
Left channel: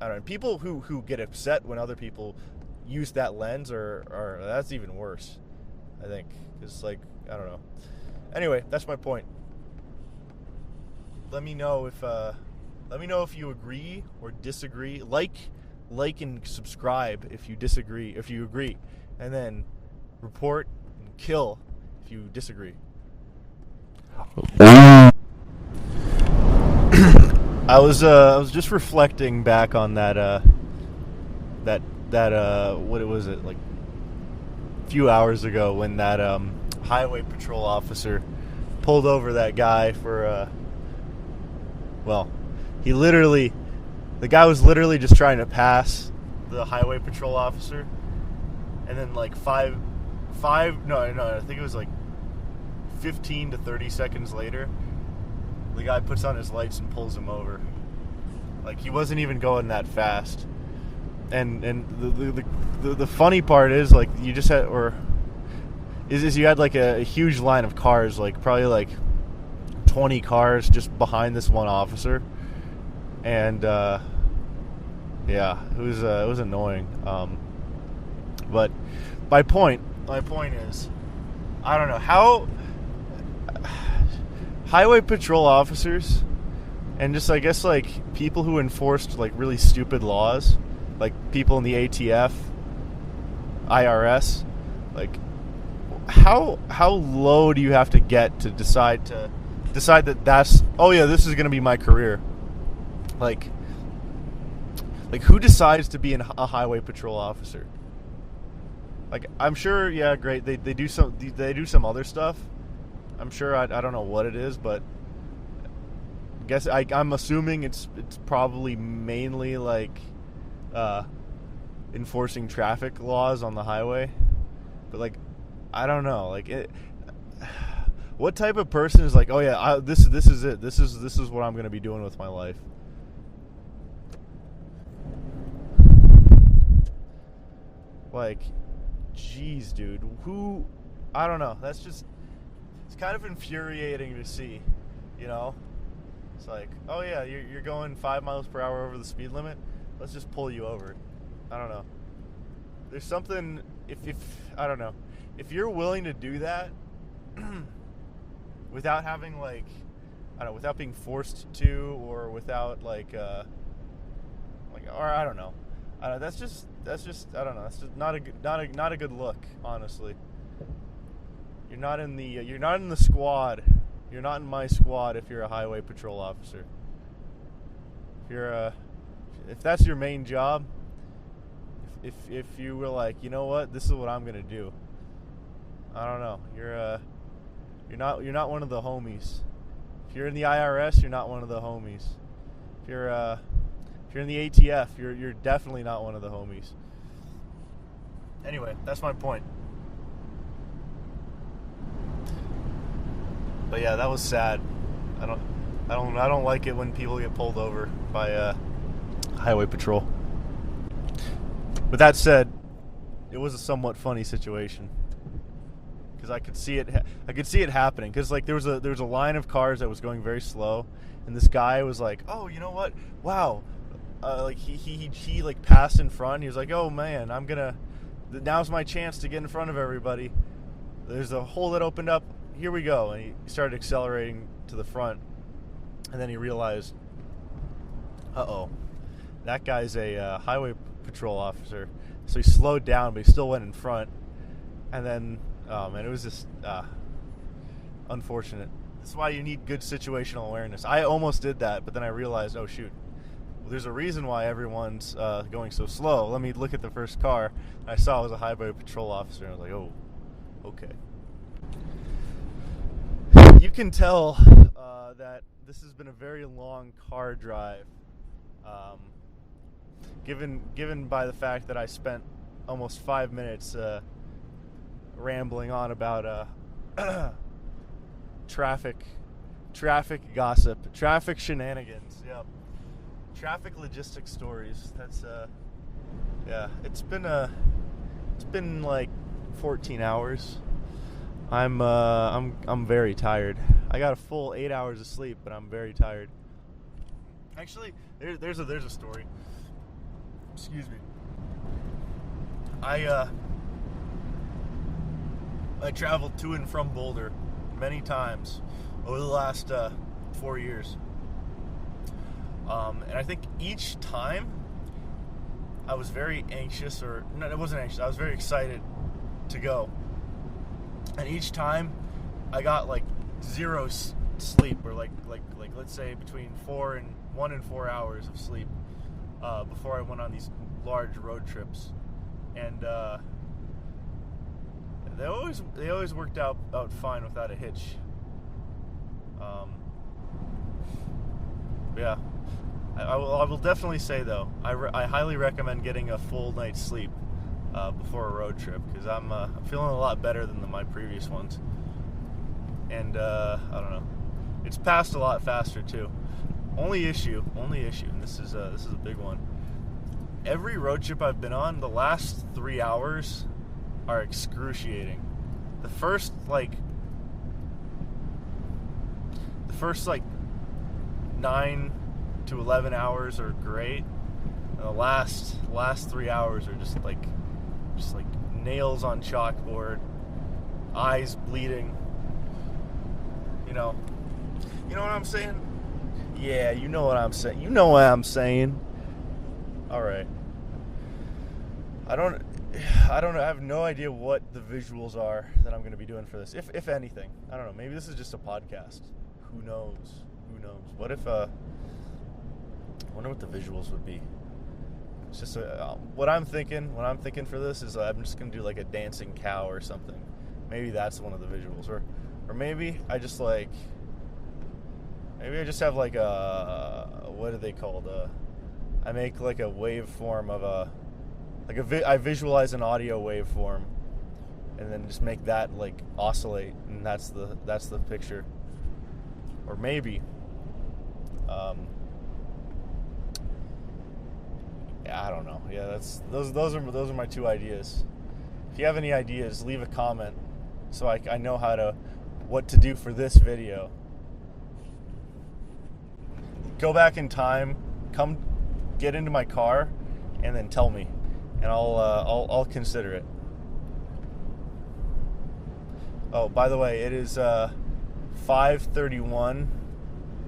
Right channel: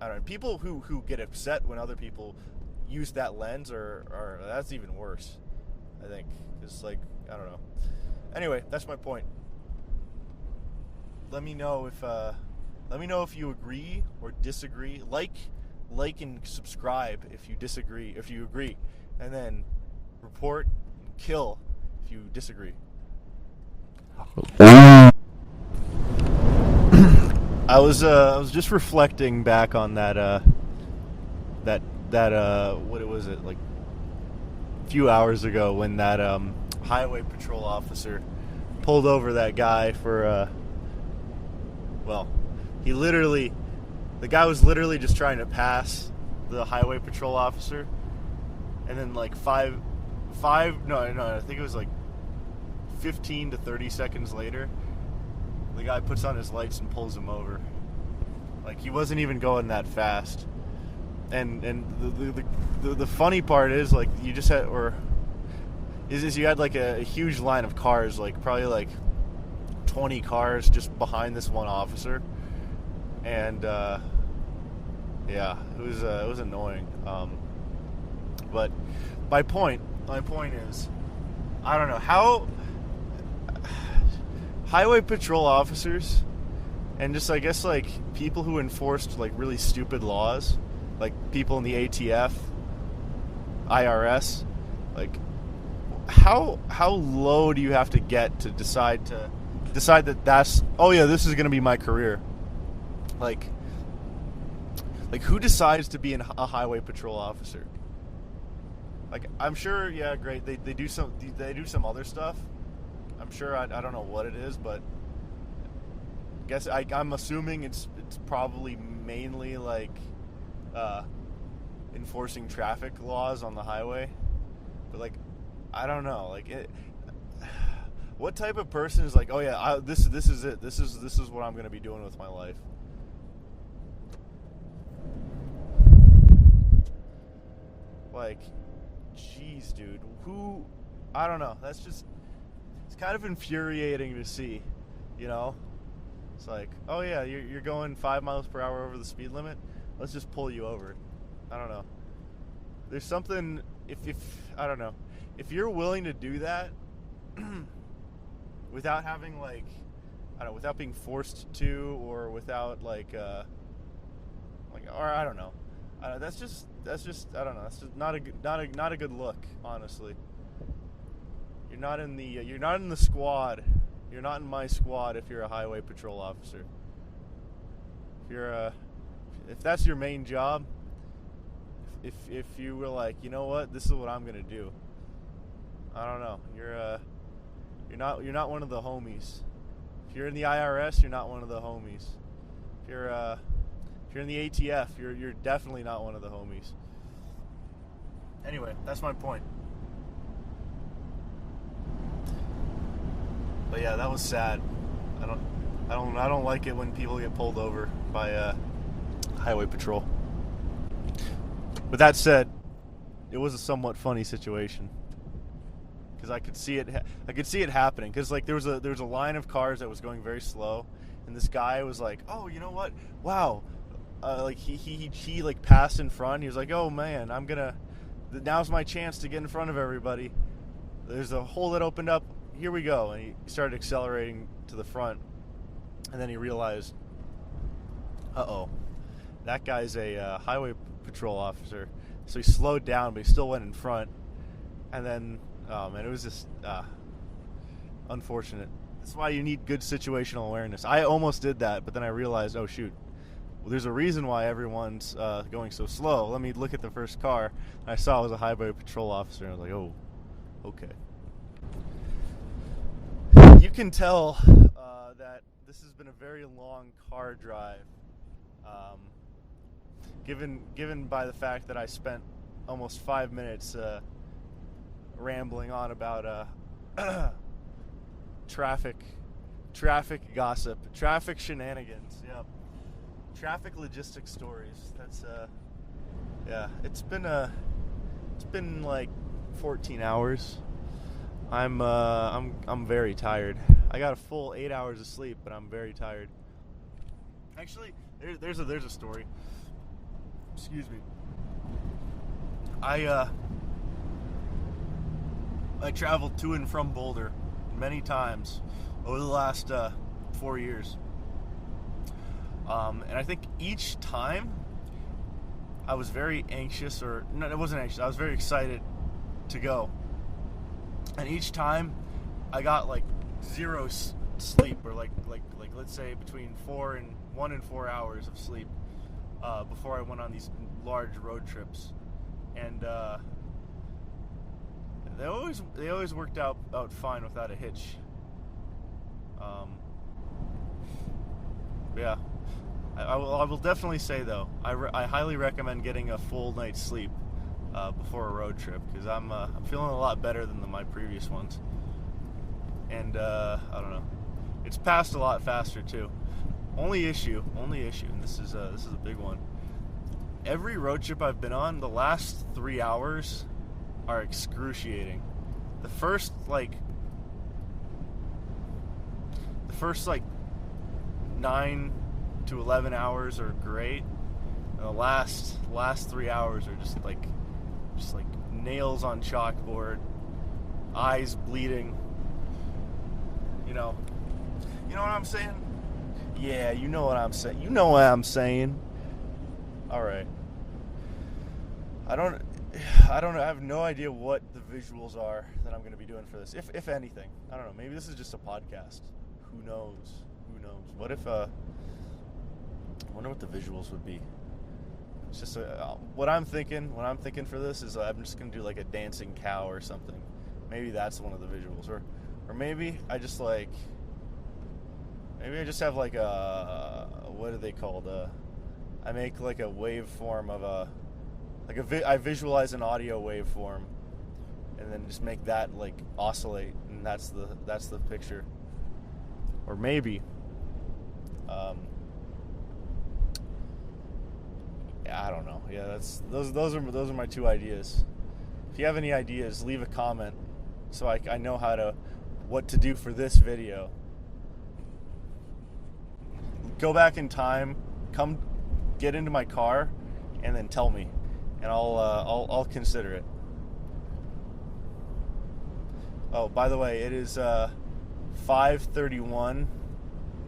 I don't know. People who get upset when other people use that lens are that's even worse, I think. It's like, I don't know. Anyway, that's my point. Let me know if you agree or disagree. Like and subscribe if you disagree, if you agree, and then report and kill if you disagree. I was just reflecting back on that what was it, like, a few hours ago when that highway patrol officer pulled over that guy for the guy was literally just trying to pass the highway patrol officer, and then, like, I think it was like 15 to 30 seconds later, the guy puts on his lights and pulls him over. Like, he wasn't even going that fast. And the funny part is, like, you just had, you had, like, a huge line of cars, like, probably, like, 20 cars just behind this one officer. And, yeah, it was annoying. But my point is, I don't know how highway patrol officers and just, I guess, like, people who enforced, like, really stupid laws, like people in the ATF, IRS, like, how low do you have to get to decide that that's, oh yeah, this is going to be my career? Like who decides to be a highway patrol officer? Like, I'm sure, yeah, great, they do some other stuff. I'm sure, I don't know what it is, but I'm assuming it's probably mainly, like, enforcing traffic laws on the highway. But, like, I don't know, like, what type of person is like, oh yeah, this is it, this is what I'm going to be doing with my life? Like, jeez, dude, I don't know, it's kind of infuriating to see, It's like, oh yeah, you're going 5 miles per hour over the speed limit, let's just pull you over. I don't know. There's something, if I don't know, if you're willing to do that without having, like, I don't know, without being forced to, or without, like, or I don't know. That's just I don't know. That's just not a good look, honestly. You're not in the squad. You're not in my squad if you're a highway patrol officer. If that's your main job, if you were like, you know what, this is what I'm gonna do. I don't know. You're not one of the homies. If you're in the IRS, you're not one of the homies. If you're in the ATF, you're definitely not one of the homies. Anyway, that's my point. But yeah, that was sad. I don't like it when people get pulled over by highway patrol. With that said, it was a somewhat funny situation because I could see it happening. Because like there was a line of cars that was going very slow, and this guy was like, "Oh, you know what? Wow!" Like he like passed in front. He was like, "Oh man, now's my chance to get in front of everybody. There's a hole that opened up. Here we go." And he started accelerating to the front, and then he realized, "Uh-oh, that guy's a highway patrol officer." So he slowed down, but he still went in front. And then, oh man, it was just unfortunate. That's why you need good situational awareness. I almost did that, but then I realized, oh shoot, well, there's a reason why everyone's going so slow. Let me look at the first car. And I saw it was a highway patrol officer, and I was like, oh, okay. You can tell that this has been a very long car drive. Given by the fact that I spent almost 5 minutes rambling on about traffic gossip, traffic shenanigans, yep, traffic logistics stories. That's yeah, it's been like 14 hours. I'm very tired. I got a full 8 hours of sleep, but I'm very tired. Actually, there's a story. Excuse me. I traveled to and from Boulder many times over the last 4 years, and I think each time I was very anxious, or no, I wasn't anxious. I was very excited to go, and each time I got like zero sleep, or like let's say between 1 and 4 hours of sleep before I went on these large road trips, and they always worked out fine without a hitch. Yeah, I will definitely say though, I highly recommend getting a full night's sleep before a road trip, because I'm feeling a lot better than my previous ones, and I don't know, it's passed a lot faster too. Only issue, and this is a big one. Every road trip I've been on, the last 3 hours are excruciating. The first 9 to 11 hours are great, and the last 3 hours are just like nails on chalkboard, eyes bleeding. You know what I'm saying? Yeah, you know what I'm saying. You know what I'm saying. All right. I don't know. I have no idea what the visuals are that I'm going to be doing for this, if anything. I don't know. Maybe this is just a podcast. Who knows? What if I wonder what the visuals would be. It's just what I'm thinking for this is I'm just going to do like a dancing cow or something. Maybe that's one of the visuals, or maybe I just have like what are they called? I make like a waveform of I visualize an audio waveform, and then just make that like oscillate, and that's the picture. Or maybe, yeah, I don't know. Yeah, those are my two ideas. If you have any ideas, leave a comment so I know what to do for this video. Go back in time, come get into my car, and then tell me, and I'll consider it. Oh, by the way, it is 5:31,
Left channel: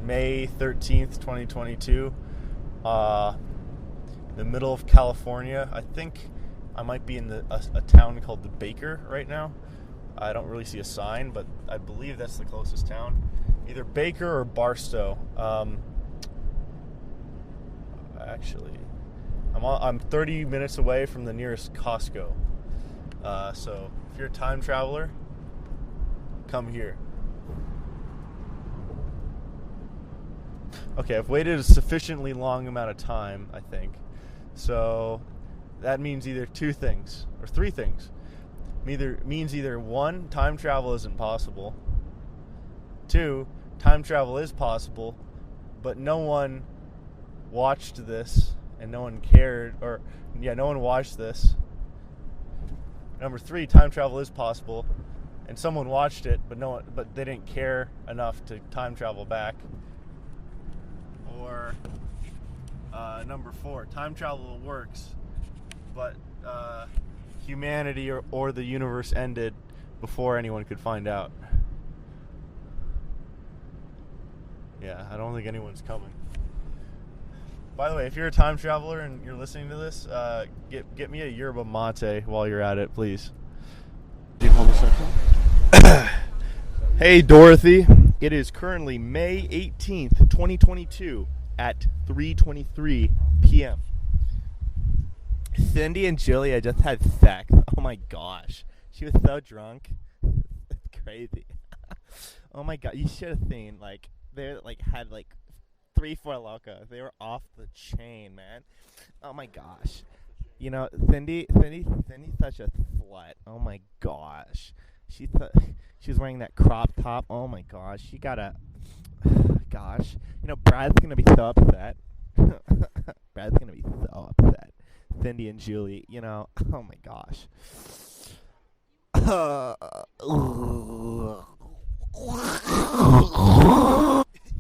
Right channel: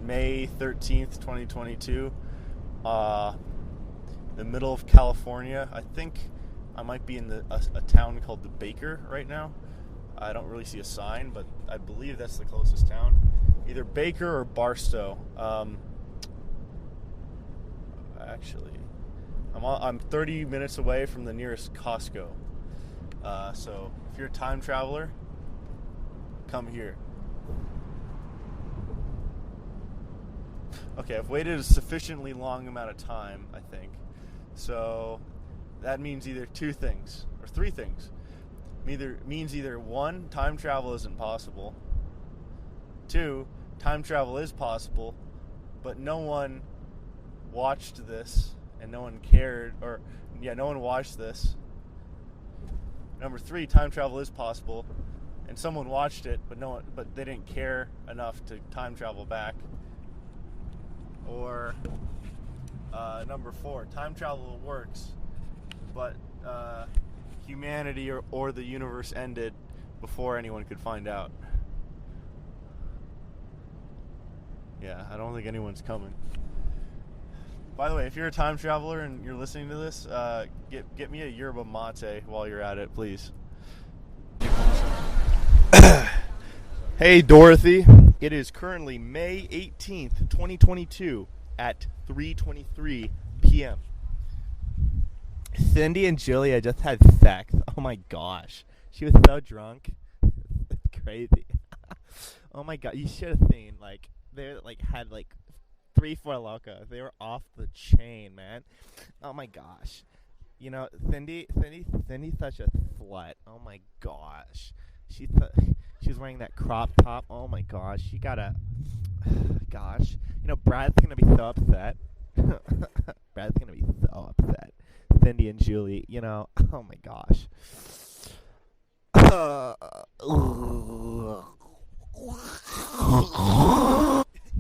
May 13th, 2022. The middle of California. I think I might be in a town called the Baker right now. I don't really see a sign, but I believe that's the closest town. Either Baker or Barstow. Actually, I'm 30 minutes away from the nearest Costco. So if you're a time traveler, come here. Okay, I've waited a sufficiently long amount of time, I think. So that means either two things or three things. Means either one, time travel isn't possible. Two, time travel is possible, but no one watched this, and no one cared, no one watched this. Number 3, time travel is possible, and someone watched it, but they didn't care enough to time travel back. Or number 4, time travel works, but humanity or the universe ended before anyone could find out. Yeah, I don't think anyone's coming. By the way, if you're a time traveler and you're listening to this, get me a yerba mate while you're at it, please. Hey, Dorothy. It is currently May 18th, 2022 at 3:23 p.m. Cindy and Julia just had sex. Oh my gosh. She was so drunk. It's crazy. Oh my god, you should have seen, they had 3-4 locos. They were off the chain, man. Oh my gosh. Cindy's such a slut. Oh my gosh. She was wearing that crop top. Oh my gosh. She got a gosh. Brad's gonna be so upset. Brad's gonna be so upset. Cindy and Julie, oh my gosh.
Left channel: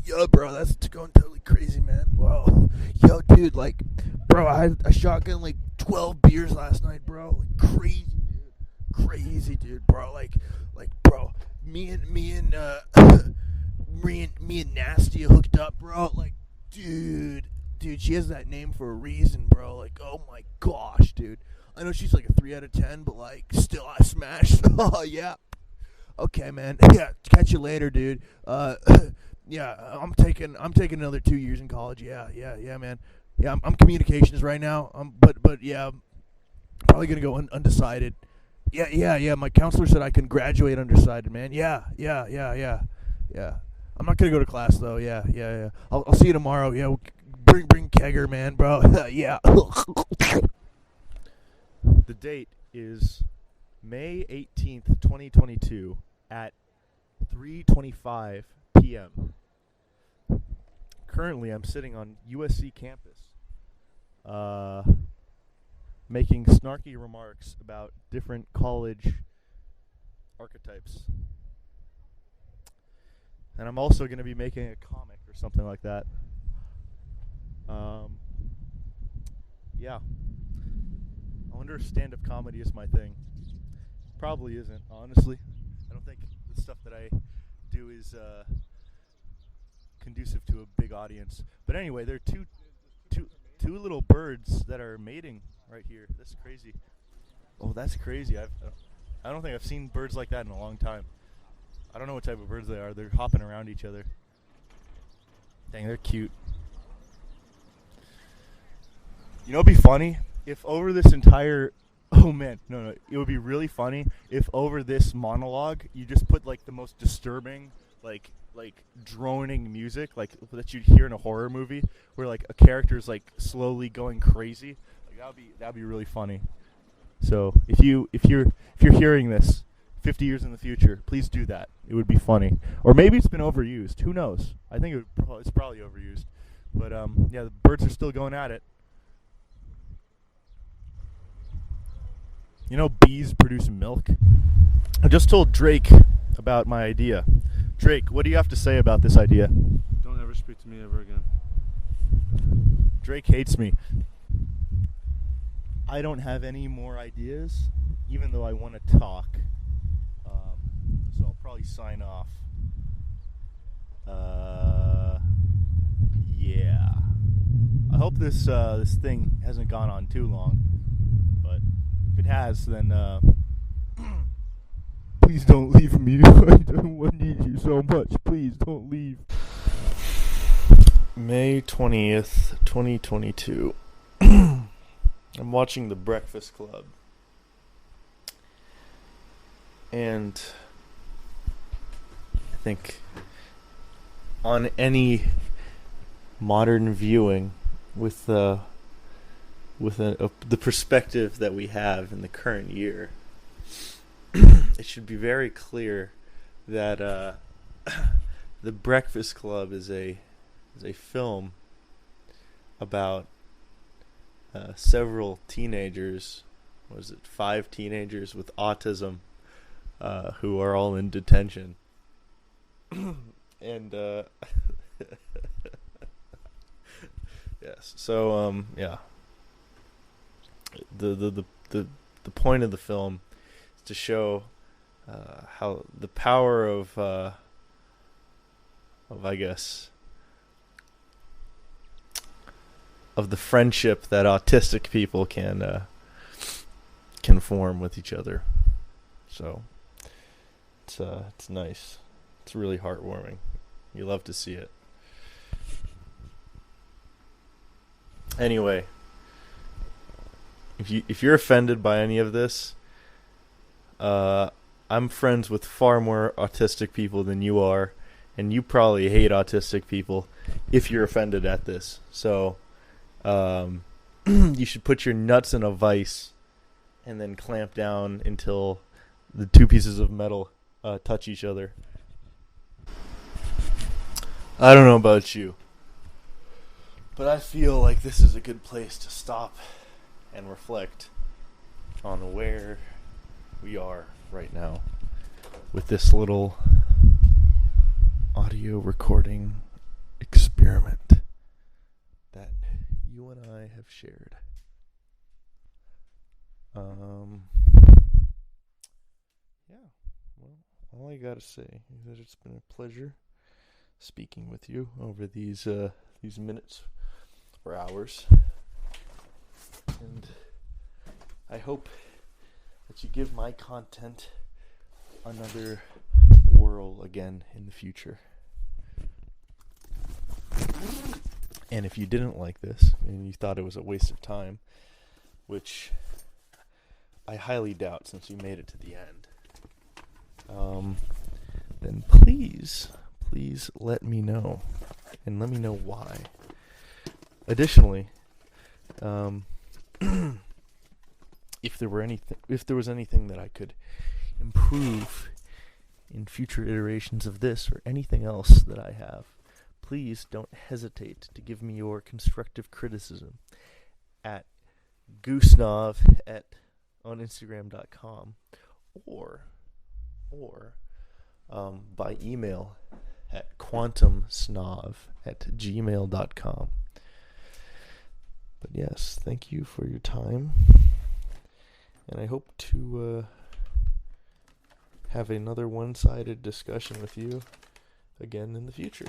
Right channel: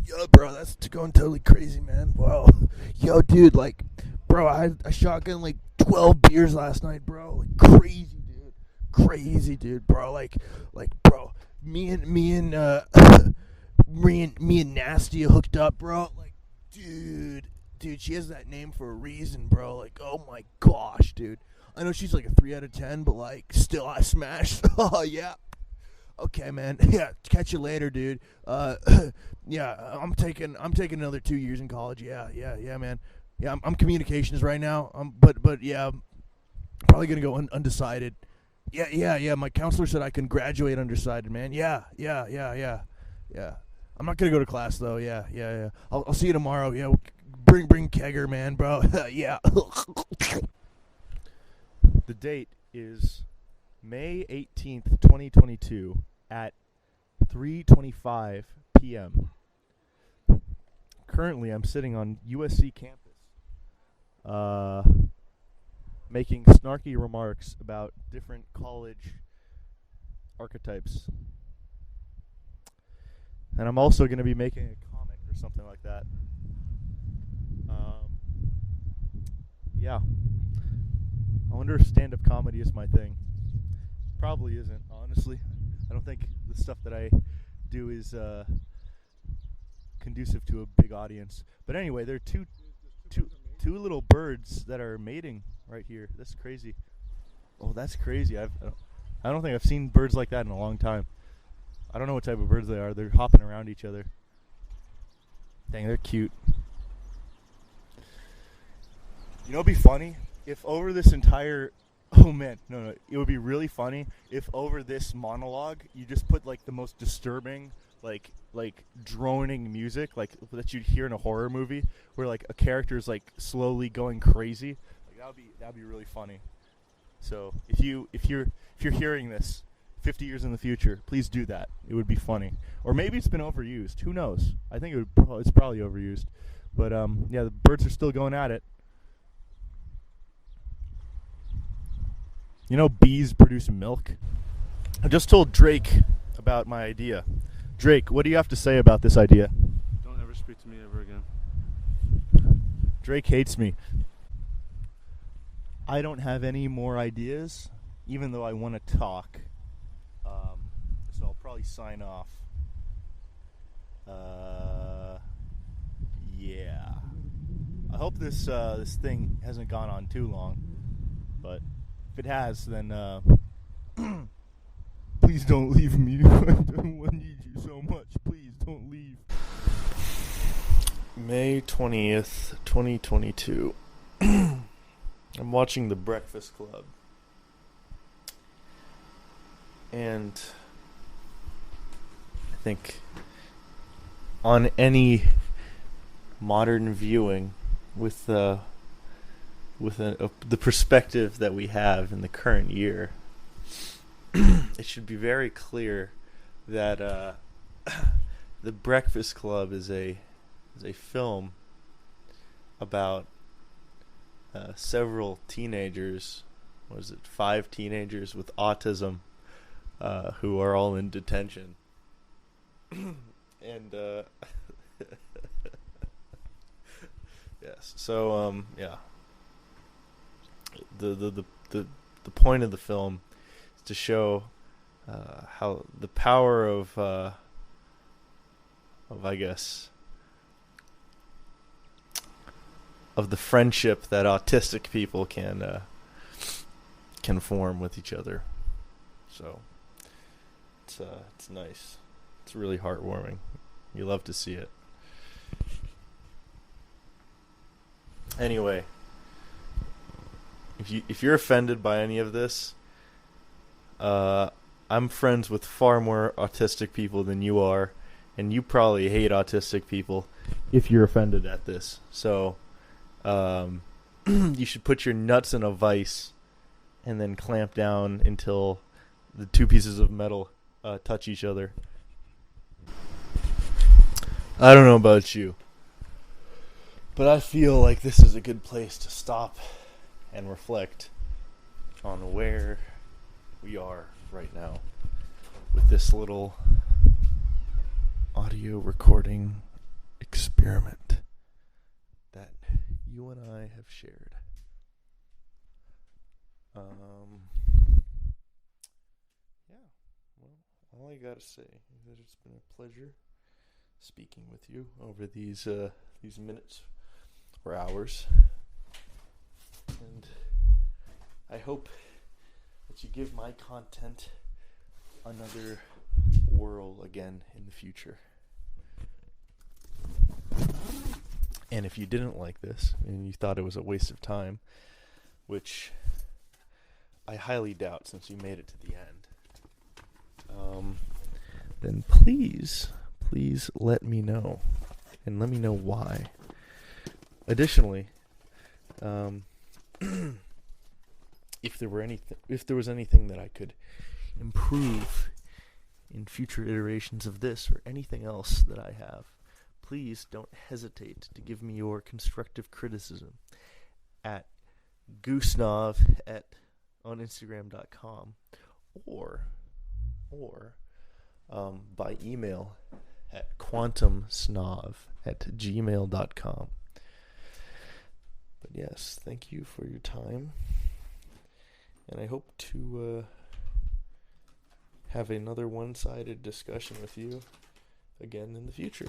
Yo, bro, that's going totally crazy, man. Wow. Yo, dude, bro, I had a shotgun 12 beers last night, bro. Crazy, dude, bro. Bro, me and Nasty hooked up, bro. Dude, she has that name for a reason, bro. Oh my gosh, dude. I know she's a 3 out of 10, but still I smashed. Oh yeah. Okay, man. Yeah, catch you later, dude. Yeah, I'm taking another 2 years in college. Yeah, man. Yeah, I'm communications right now. But yeah, I'm probably gonna go undecided. Yeah. My counselor said I can graduate undecided, man. Yeah. I'm not gonna go to class though. Yeah. I'll see you tomorrow. Yeah, bring kegger, man, bro. Yeah. The date is May 18th, 2022 at 3:25 p.m. Currently, I'm sitting on USC campus making snarky remarks about different college archetypes. And I'm also going to be making a comic or something like that. Yeah. I wonder if stand-up comedy is my thing. Probably isn't, honestly. I don't think the stuff that I do is conducive to a big audience. But anyway, there are two little birds that are mating right here. That's crazy. Oh, that's crazy. I don't think I've seen birds like that in a long time. I don't know what type of birds they are. They're hopping around each other. Dang, they're cute. It'd be funny if over this entire... Oh man, no. It would be really funny if over this monologue you just put the most disturbing, like droning music, that you'd hear in a horror movie, where a character's slowly going crazy. That'd be really funny. So if you're hearing this 50 years in the future, please do that. It would be funny. Or maybe it's been overused. Who knows? I think it's probably overused. But yeah, the birds are still going at it. Bees produce milk. I just told Drake about my idea. Drake, what do you have to say about this idea? Don't ever speak to me ever again. Drake hates me. I don't have any more ideas, even though I want to talk. So I'll probably sign off. Yeah. I hope this thing hasn't gone on too long, but if it has, then please don't leave me. I need you so much. Please don't leave. May 20th, 2022. I'm watching The Breakfast Club. And I think on any modern viewing with the perspective that we have in the current year, it should be very clear that The Breakfast Club is a is a film about several teenagers. What is it? 5 teenagers with autism who are all in detention. And yes, so yeah. The point of the film is to show how the power of I guess of the friendship that autistic people can form with each other. So it's nice. It's really heartwarming. You love to see it. Anyway, if you're offended by any of this, I'm friends with far more autistic people than you are, and you probably hate autistic people if you're offended at this. So you should put your nuts in a vice and then clamp down until the 2 pieces of metal touch each other. I don't know about you, but I feel like this is a good place to stop and reflect on where we are right now with this little audio recording experiment that you and I have shared. Yeah, well, all I gotta say is that it's been a pleasure speaking with you over these minutes or hours, and I hope that you give my content another whirl again in the future. And if you didn't like this and you thought it was a waste of time, which I highly doubt since you made it to the end, then please let me know, and let me know why. Additionally, if there was anything that I could improve in future iterations of this or anything else that I have, please don't hesitate to give me your constructive criticism at Goosnav on Instagram.com or by email at quantumsnav@gmail.com. But yes, thank you for your time, and I hope to have another one-sided discussion with you again in the future.